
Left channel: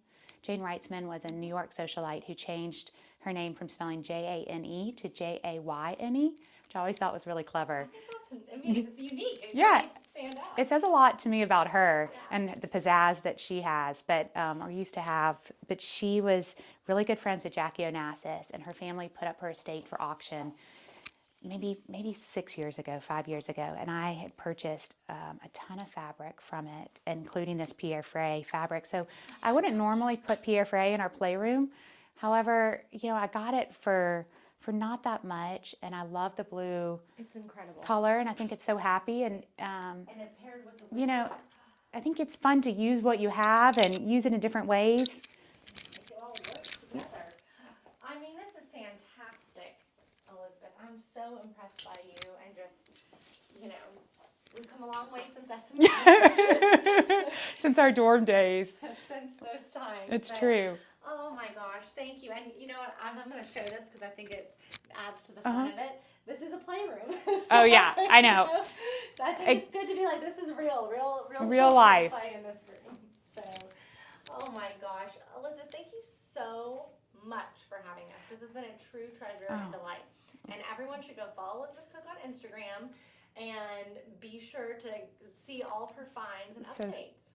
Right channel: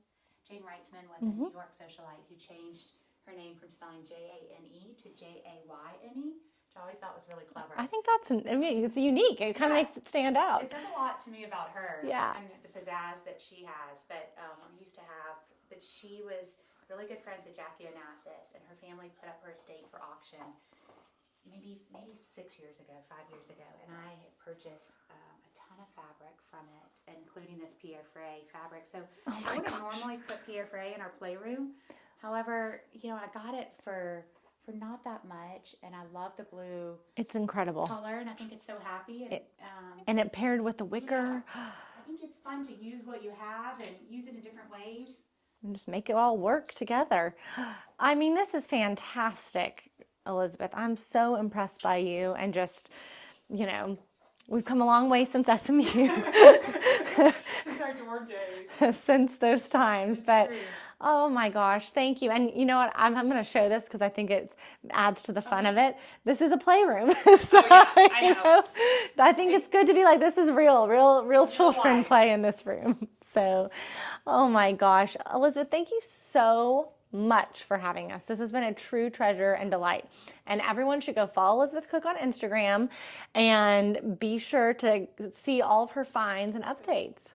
Jane Reitzman was a New York socialite who changed her name from spelling Jane to Jayne, which I always thought was really clever. I think it's unique. It kind of makes it stand out. It says a lot to me about her and the pizzazz that she has, but or used to have. But she was really good friends with Jackie Onassis, and her family put up her estate for auction maybe 5 years ago, and I had purchased a ton of fabric from it, including this Pierre Frey fabric. So I wouldn't normally put Pierre Frey in our playroom. However, I got it for not that much, and I love the blue. It's incredible color, and I think it's so happy. And it paired with the wicker. I think it's fun to use what you have and use it in different ways. And just make it all work together. I mean, this is fantastic, Elizabeth. I'm so impressed by you, and just, we've come a long way since SMU. Since our dorm days. Since those times. It's true. Oh my gosh, thank you. And you know what? I'm going to show this because I think it adds to the fun of it. This is a playroom. Oh yeah, I know. I think it's good to be like, this is real children life. play in this room. So, oh my gosh. Elizabeth, thank you so much for having us. This has been a true treasure and delight. And everyone should go follow Elizabeth Cook on Instagram and be sure to see all of her finds and updates.